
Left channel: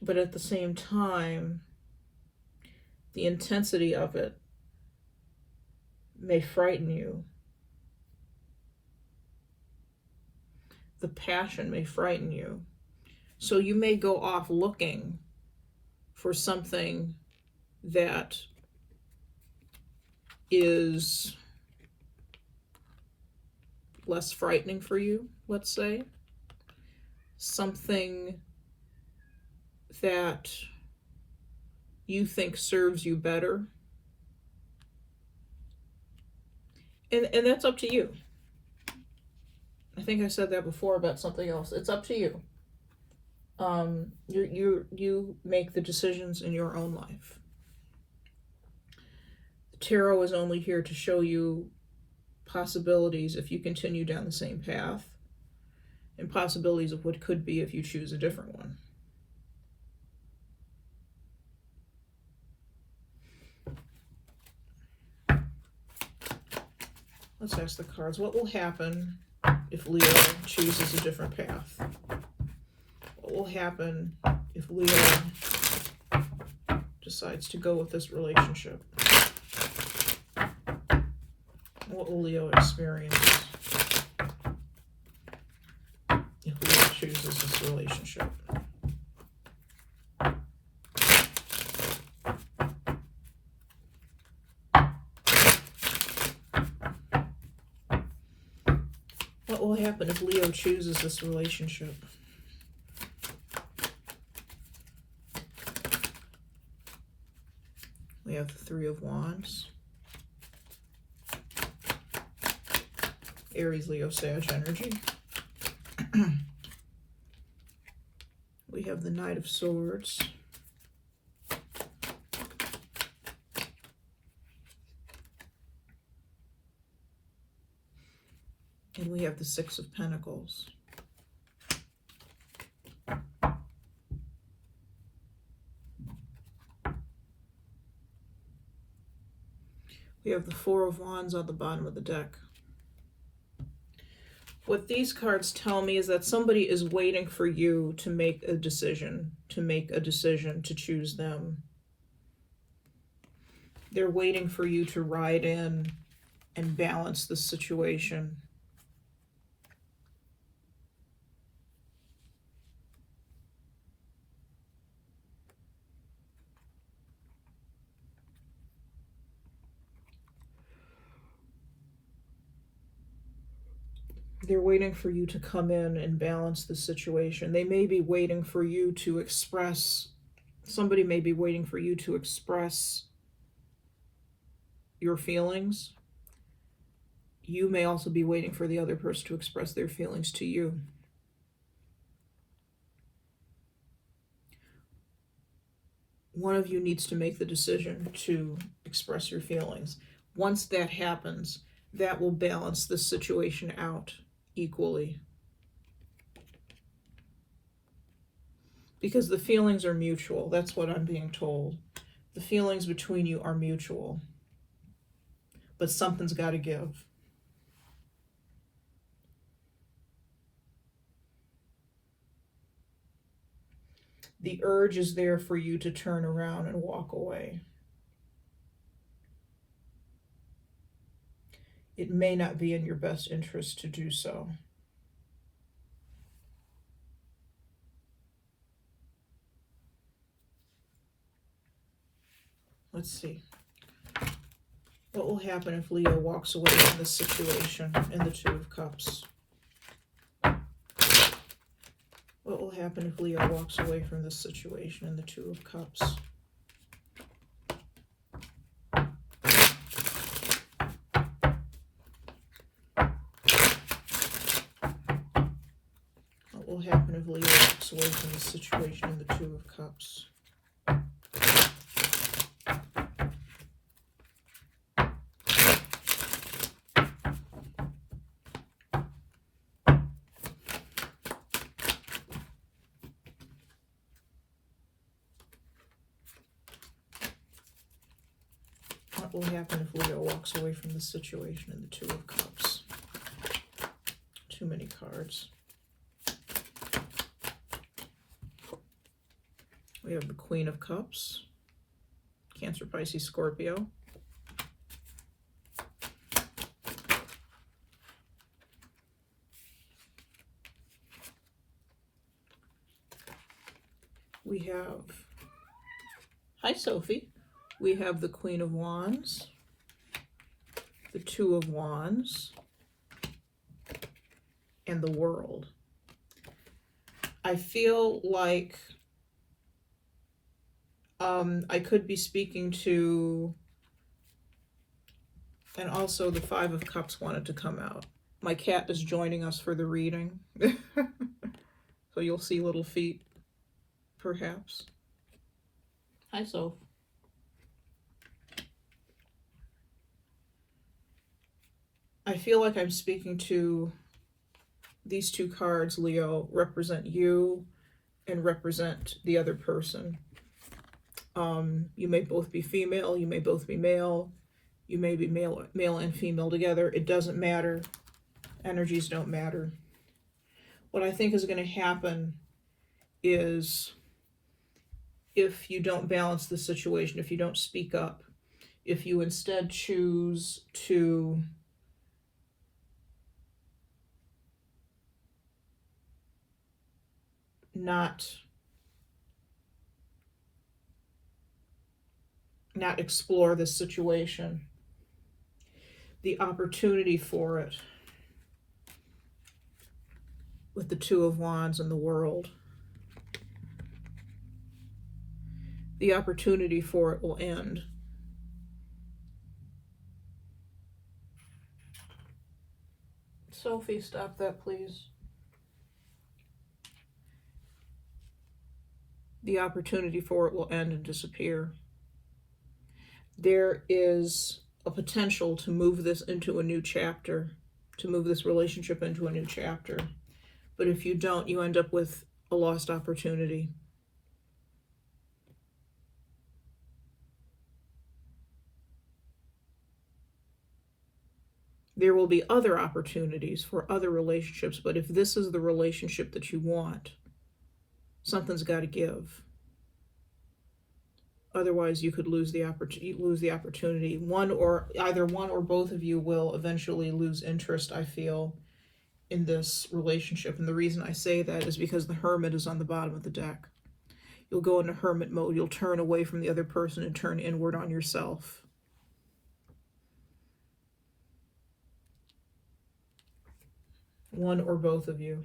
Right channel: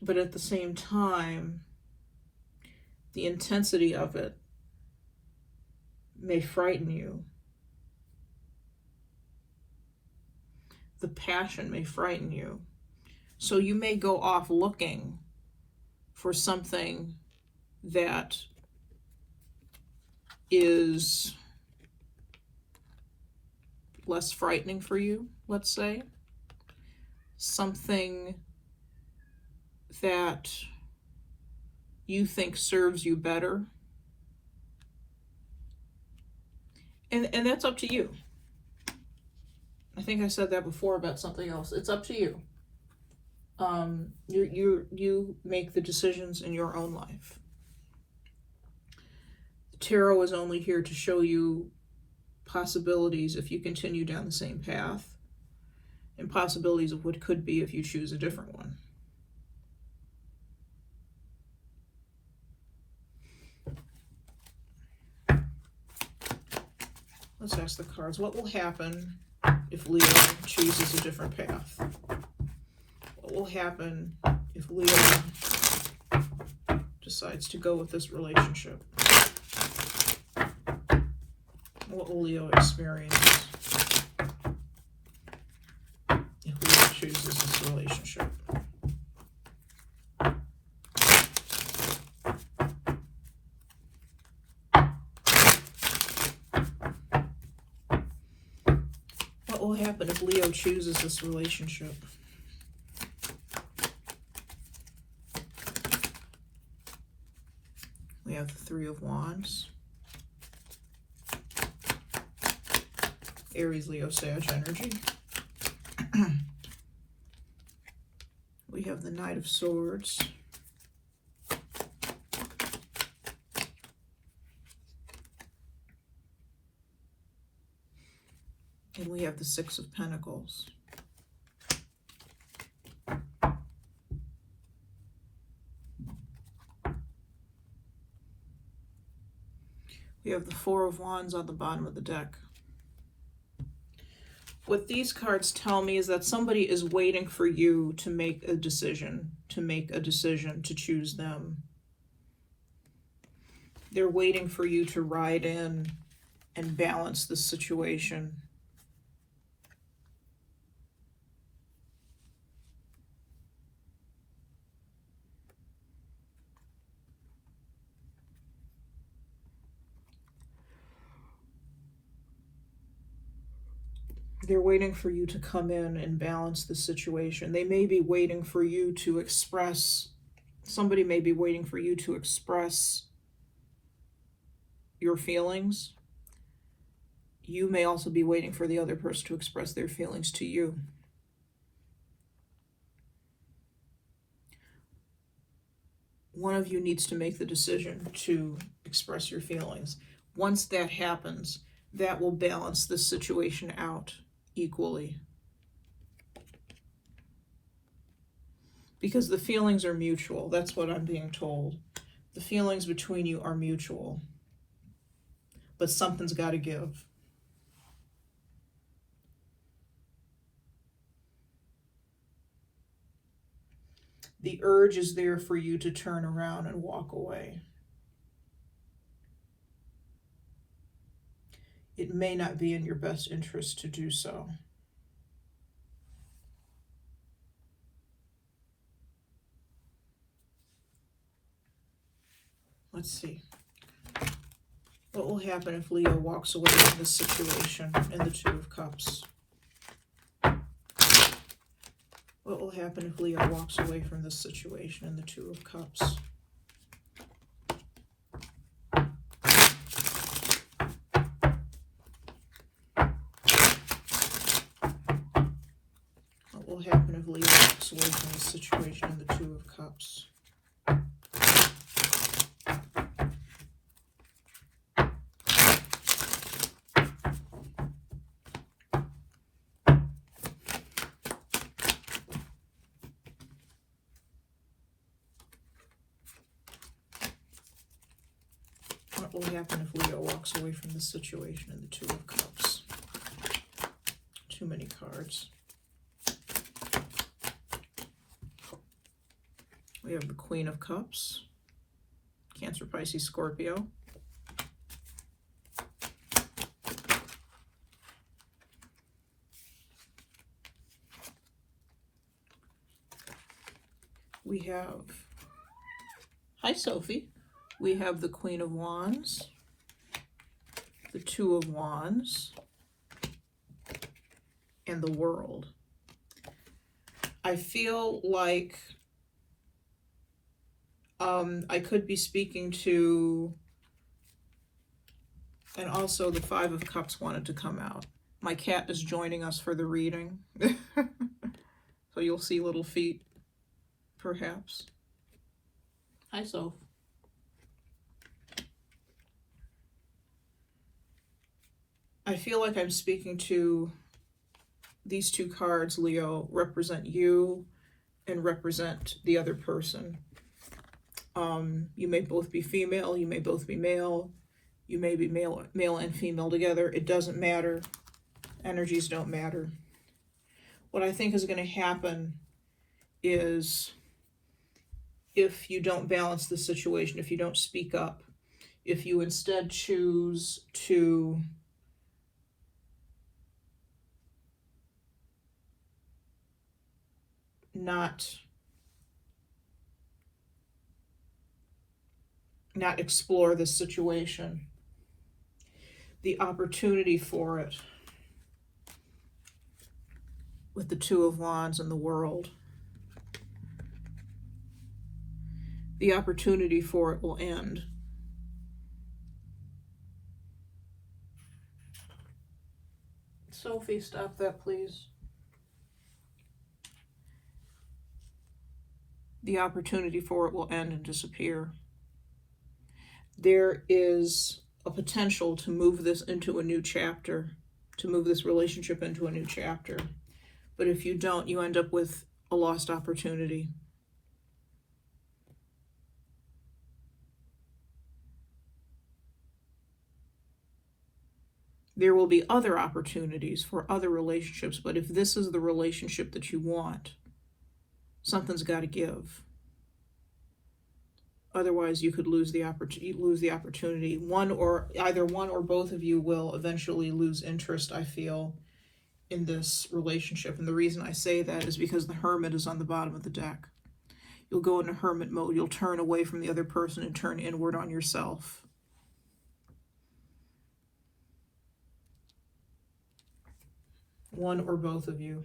But at the same time, the intensity of it may frighten you. The passion may frighten you. So you may go off looking for something that is less frightening for you, let's say. Something that you think serves you better. And that's up to you. I think I said that before about something else. It's up to you. You make the decisions in your own life. The tarot is only here to show you possibilities if you continue down the same path, and possibilities of what could be if you choose a different one. Let's ask the cards, what will happen if Leo chooses a different path? What will happen if Leo decides to go with this relationship? What will Leo experience if Leo chooses this relationship? What will happen if Leo chooses this relationship? We have the Three of Wands. Aries, Leo, Sag energy. We have the Knight of Swords. And we have the Six of Pentacles. We have the Four of Wands on the bottom of the deck. What these cards tell me is that somebody is waiting for you to make a decision, to choose them. They're waiting for you to ride in and balance the situation. They're waiting for you to come in and balance the situation. They may be waiting for you to express, somebody may be waiting for you to express your feelings. You may also be waiting for the other person to express their feelings to you. One of you needs to make the decision to express your feelings. Once that happens, that will balance the situation out equally. Because the feelings are mutual. That's what I'm being told. The feelings between you are mutual. But something's got to give. The urge is there for you to turn around and walk away. It may not be in your best interest to do so. Let's see. What will happen if Leo walks away from this situation in the Two of Cups? What will happen if Leo walks away from this situation in the Two of Cups? What will happen if Leo walks away from this situation in the Two of Cups? What will happen if Leo walks away from the situation in the Two of Cups? Too many cards. We have the Queen of Cups. Cancer, Pisces, Scorpio. We have, hi Sophie. We have the Queen of Wands, the Two of Wands, and the World. I feel like I could be speaking to, and also the Five of Cups wanted to come out. My cat is joining us for the reading. So you'll see little feet, perhaps. Hi, Soph. I feel like I'm speaking to these two cards, Leo, represent you and represent the other person. You may both be female, you may both be male, you may be male and female together. It doesn't matter. Energies don't matter. What I think is going to happen is, if you don't balance the situation, if you don't speak up, if you instead choose to not explore this situation, the opportunity for it with the Two of Wands and the World, the opportunity for it will end. Sophie, stop that, please. The opportunity for it will end and disappear. There is a potential to move this into a new chapter, to move this relationship into a new chapter. But if you don't, you end up with a lost opportunity. There will be other opportunities for other relationships, but if this is the relationship that you want, something's got to give. Otherwise, you could lose the opportunity. Either one or both of you will eventually lose interest, I feel, in this relationship. And the reason I say that is because the Hermit is on the bottom of the deck. You'll go into hermit mode. You'll turn away from the other person and turn inward on yourself. One or both of you.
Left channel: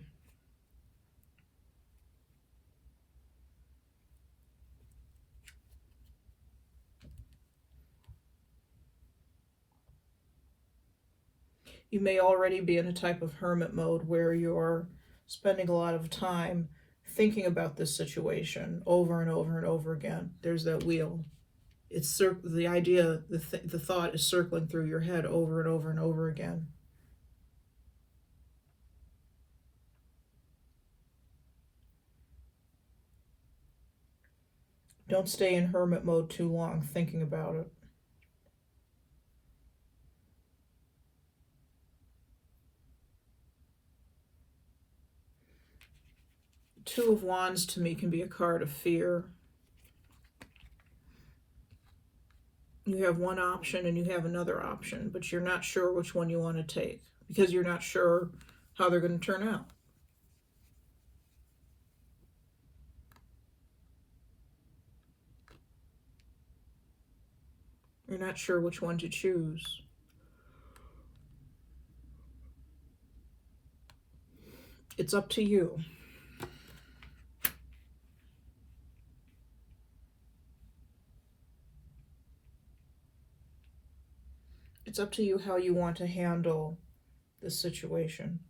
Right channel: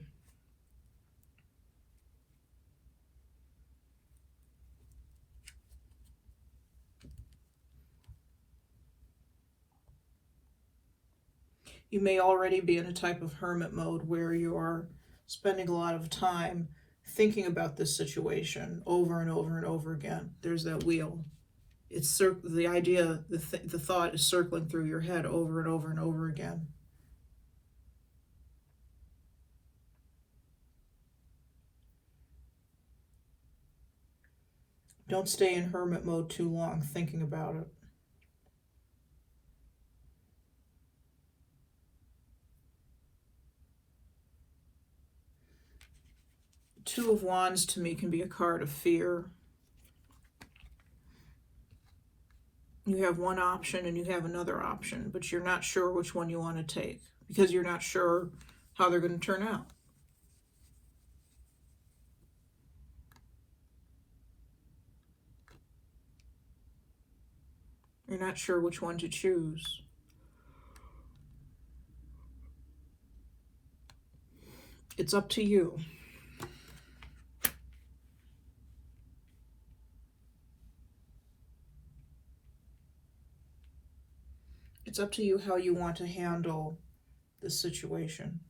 You may already be in a type of hermit mode where you're spending a lot of time thinking about this situation over and over and over again. There's that wheel. It's the idea, the thought is circling through your head over and over and over again. Don't stay in hermit mode too long thinking about it. Two of Wands to me can be a card of fear. You have one option and you have another option, but you're not sure which one you want to take because you're not sure how they're going to turn out. You're not sure which one to choose. It's up to you. It's up to you how you want to handle this situation.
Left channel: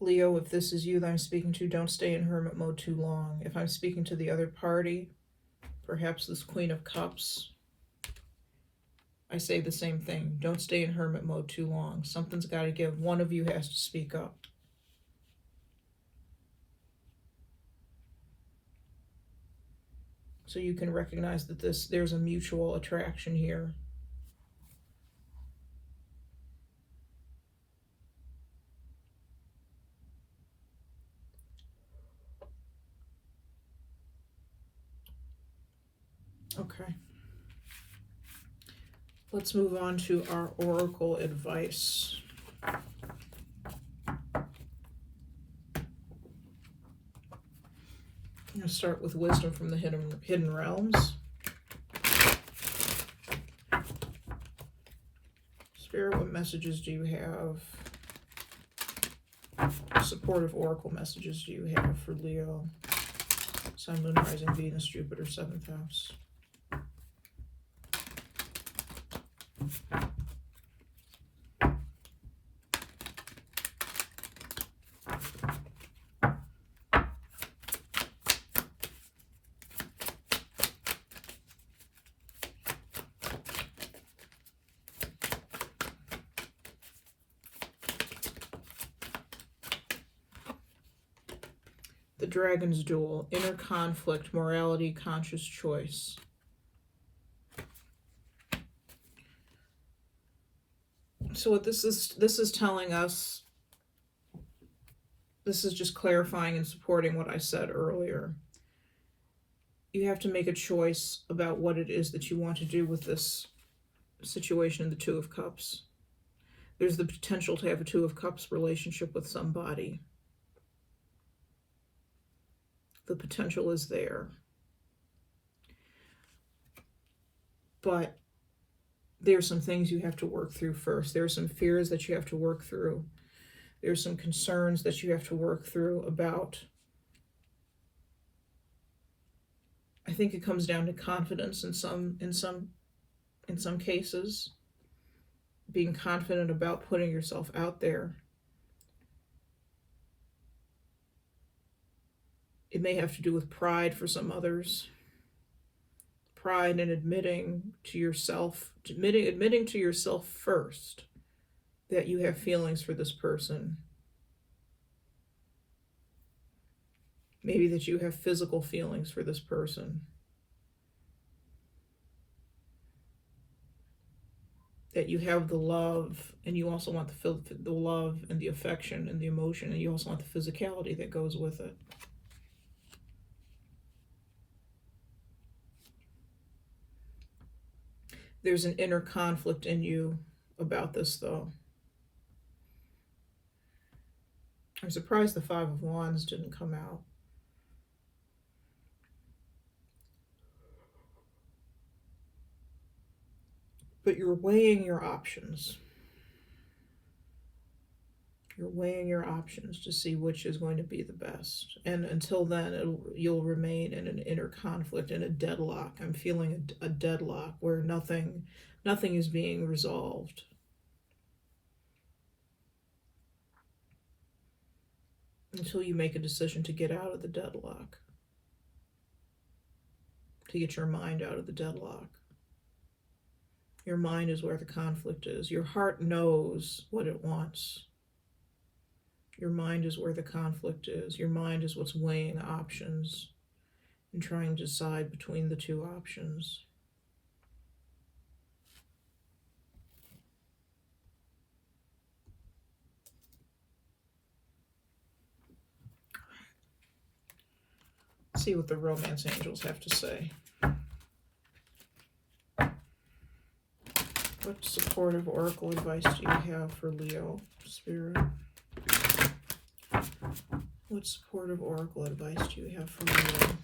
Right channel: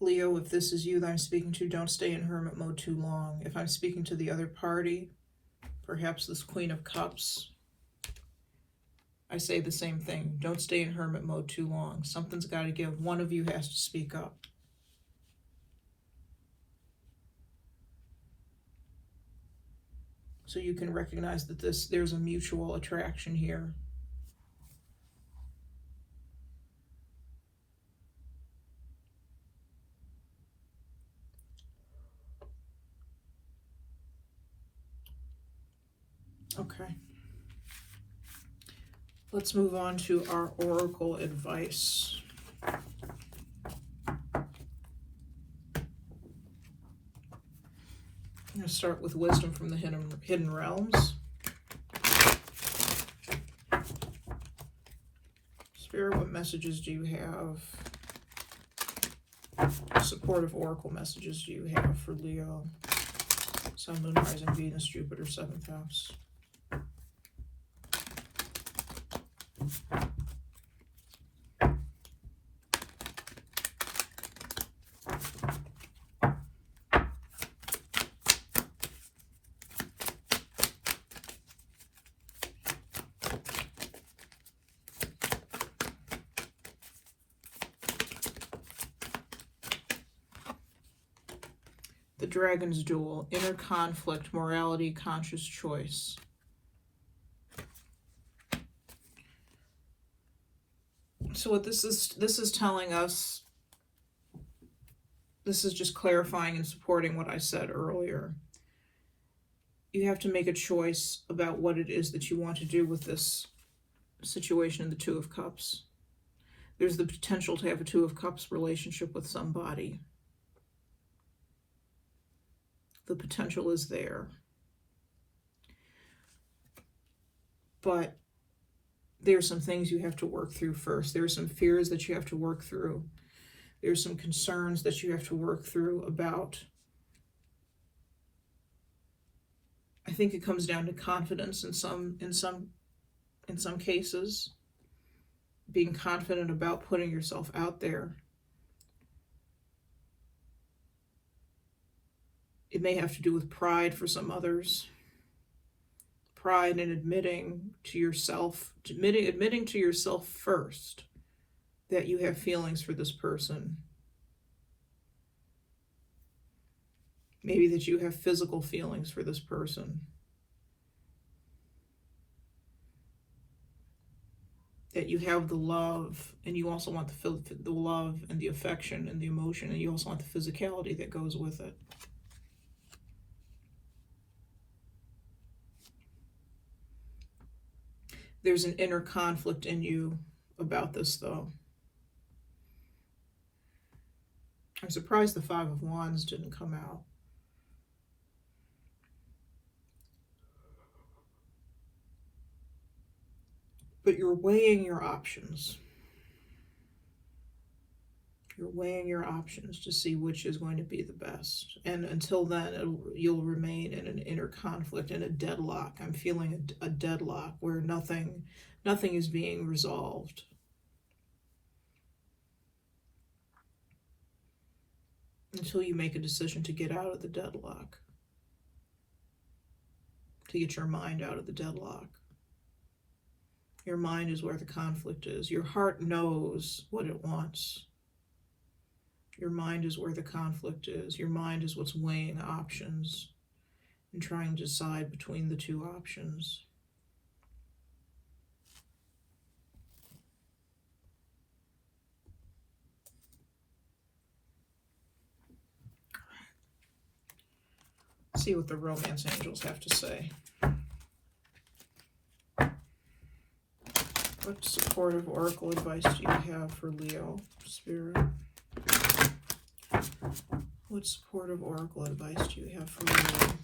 Leo, if this is you that I'm speaking to, don't stay in hermit mode too long. If I'm speaking to the other party, perhaps this Queen of Cups, I say the same thing. Don't stay in hermit mode too long. Something's got to give. One of you has to speak up. So you can recognize that there's a mutual attraction here. Okay. Let's move on to our oracle advice. I'm going to start with wisdom from the hidden realms. Spirit, what messages do you have? Supportive oracle messages do you have for Leo? Sun, Moon, Rising, Venus, Jupiter, 7th house. The Dragon's Duel, inner conflict, morality, conscious choice. So what this is telling us, this is just clarifying and supporting what I said earlier. You have to make a choice about what it is that you want to do with this situation in the Two of Cups. There's the potential to have a Two of Cups relationship with somebody. The potential is there. But there's some things you have to work through first. There's some fears that you have to work through. There's some concerns that you have to work through about. I think it comes down to confidence in some cases. Being confident about putting yourself out there. It may have to do with pride for some others. Pride in admitting to yourself, admitting to yourself first that you have feelings for this person. Maybe that you have physical feelings for this person. That you have the love, and you also want the love and the affection and the emotion, and you also want the physicality that goes with it. There's an inner conflict in you about this, though. I'm surprised the Five of Wands didn't come out. But you're weighing your options. You're weighing your options to see which is going to be the best. And until then, you'll remain in an inner conflict, in a deadlock. I'm feeling a deadlock where nothing is being resolved. Until you make a decision to get out of the deadlock. To get your mind out of the deadlock. Your mind is where the conflict is. Your heart knows what it wants. Your mind is where the conflict is. Your mind is what's weighing options and trying to decide between the two options. Let's see what the romance angels have to say. What supportive oracle advice do you have for Leo, Spirit? What supportive oracle advice do you have for Leo?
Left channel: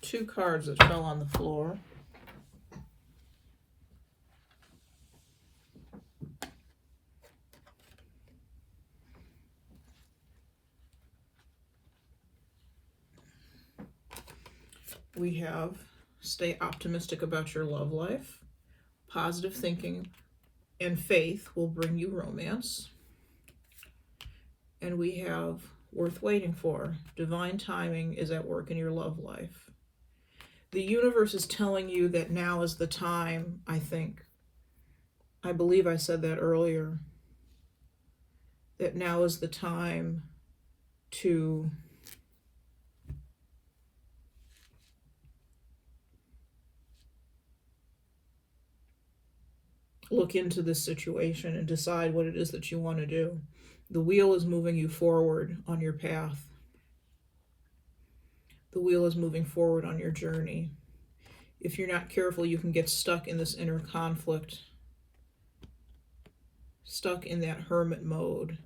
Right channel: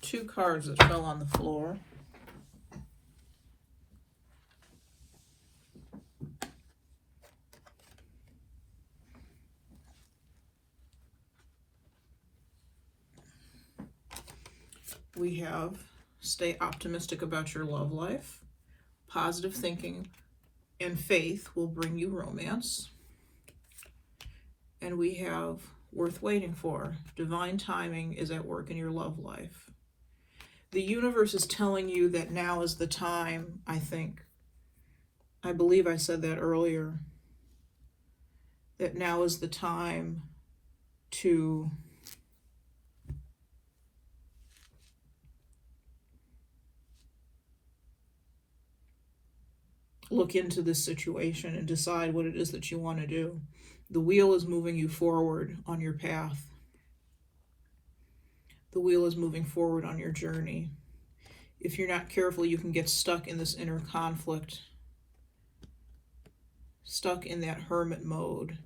Two cards that fell on the floor. We have stay optimistic about your love life. Positive thinking and faith will bring you romance. And we have worth waiting for. Divine timing is at work in your love life. The universe is telling you that now is the time, I think. I believe I said that earlier. That now is the time to look into this situation and decide what it is that you want to do. The wheel is moving you forward on your path. The wheel is moving forward on your journey. If you're not careful, you can get stuck in this inner conflict, stuck in that hermit mode.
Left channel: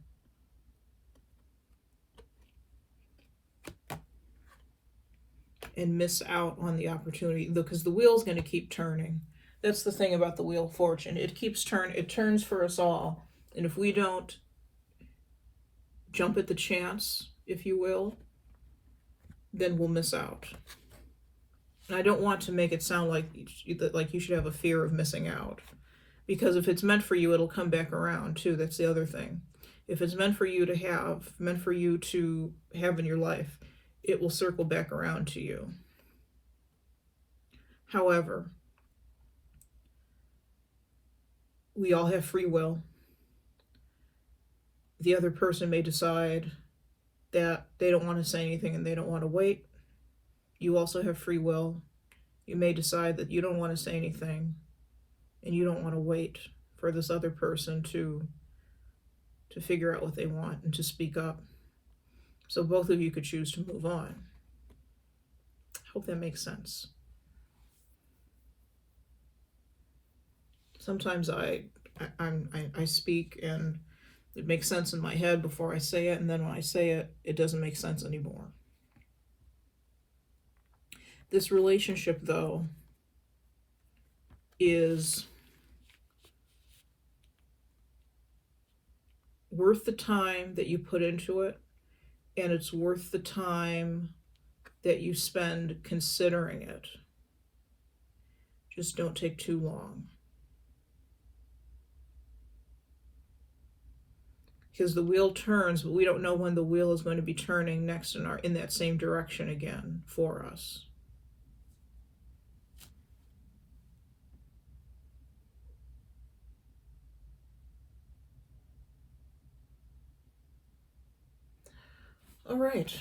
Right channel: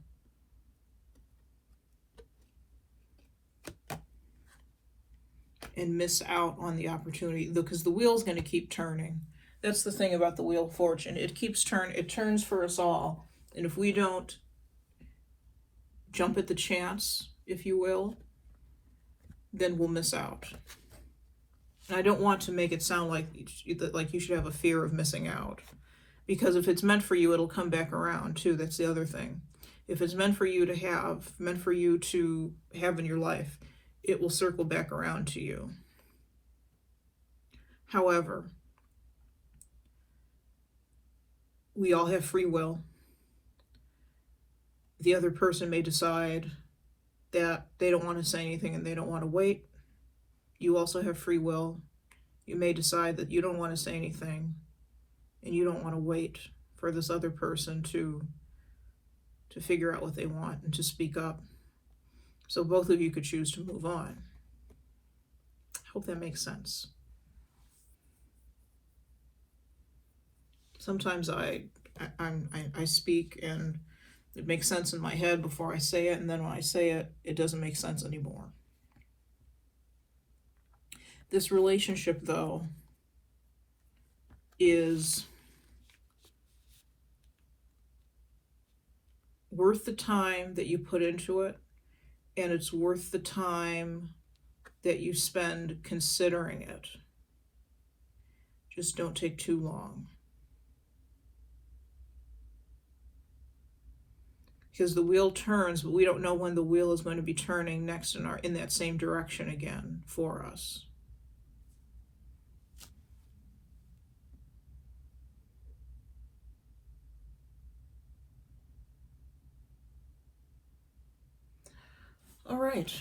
And miss out on the opportunity, because the wheel's going to keep turning. That's the thing about the Wheel of Fortune. It keeps it turns for us all. And if we don't jump at the chance, if you will, then we'll miss out. And I don't want to make it sound like you should have a fear of missing out. Because if it's meant for you, it'll come back around too. That's the other thing. If it's meant for you to have, in your life, it will circle back around to you. However, we all have free will. The other person may decide that they don't want to say anything and they don't want to wait. You also have free will. You may decide that you don't want to say anything and you don't want to wait for this other person to figure out what they want and to speak up. So both of you could choose to move on. Hope that makes sense. Sometimes I speak and it makes sense in my head before I say it, and then when I say it, it doesn't make sense anymore. This relationship, though, is worth the time that you put into it, and it's worth the time that you spend considering it. Just don't take too long. Because the wheel turns, but we don't know when the wheel is going to be turning next in that same direction again for us. All right.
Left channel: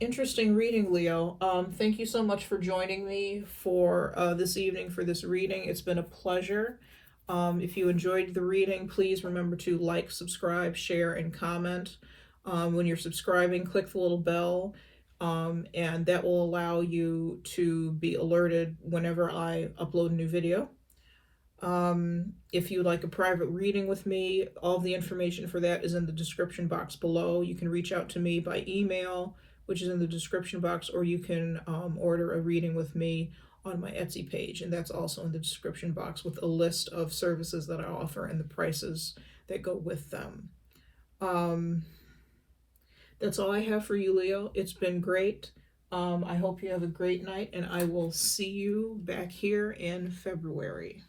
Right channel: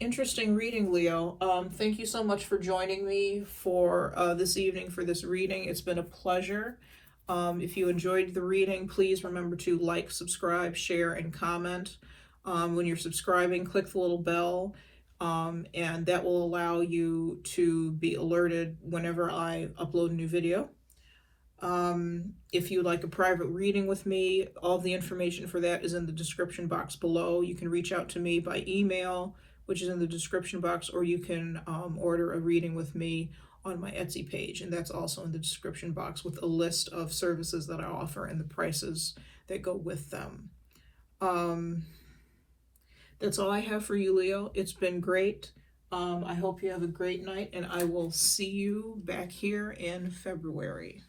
Interesting reading, Leo. Thank you so much for joining me for this evening for this reading. It's been a pleasure. If you enjoyed the reading, please remember to like, subscribe, share, and comment. When you're subscribing, click the little bell, and that will allow you to be alerted whenever I upload a new video. If you'd like a private reading with me, all the information for that is in the description box below. You can reach out to me by email, which is in the description box, or you can order a reading with me on my Etsy page, and that's also in the description box with a list of services that I offer and the prices that go with them. That's all I have for you, Leo. It's been great. I hope you have a great night, and I will see you back here in February.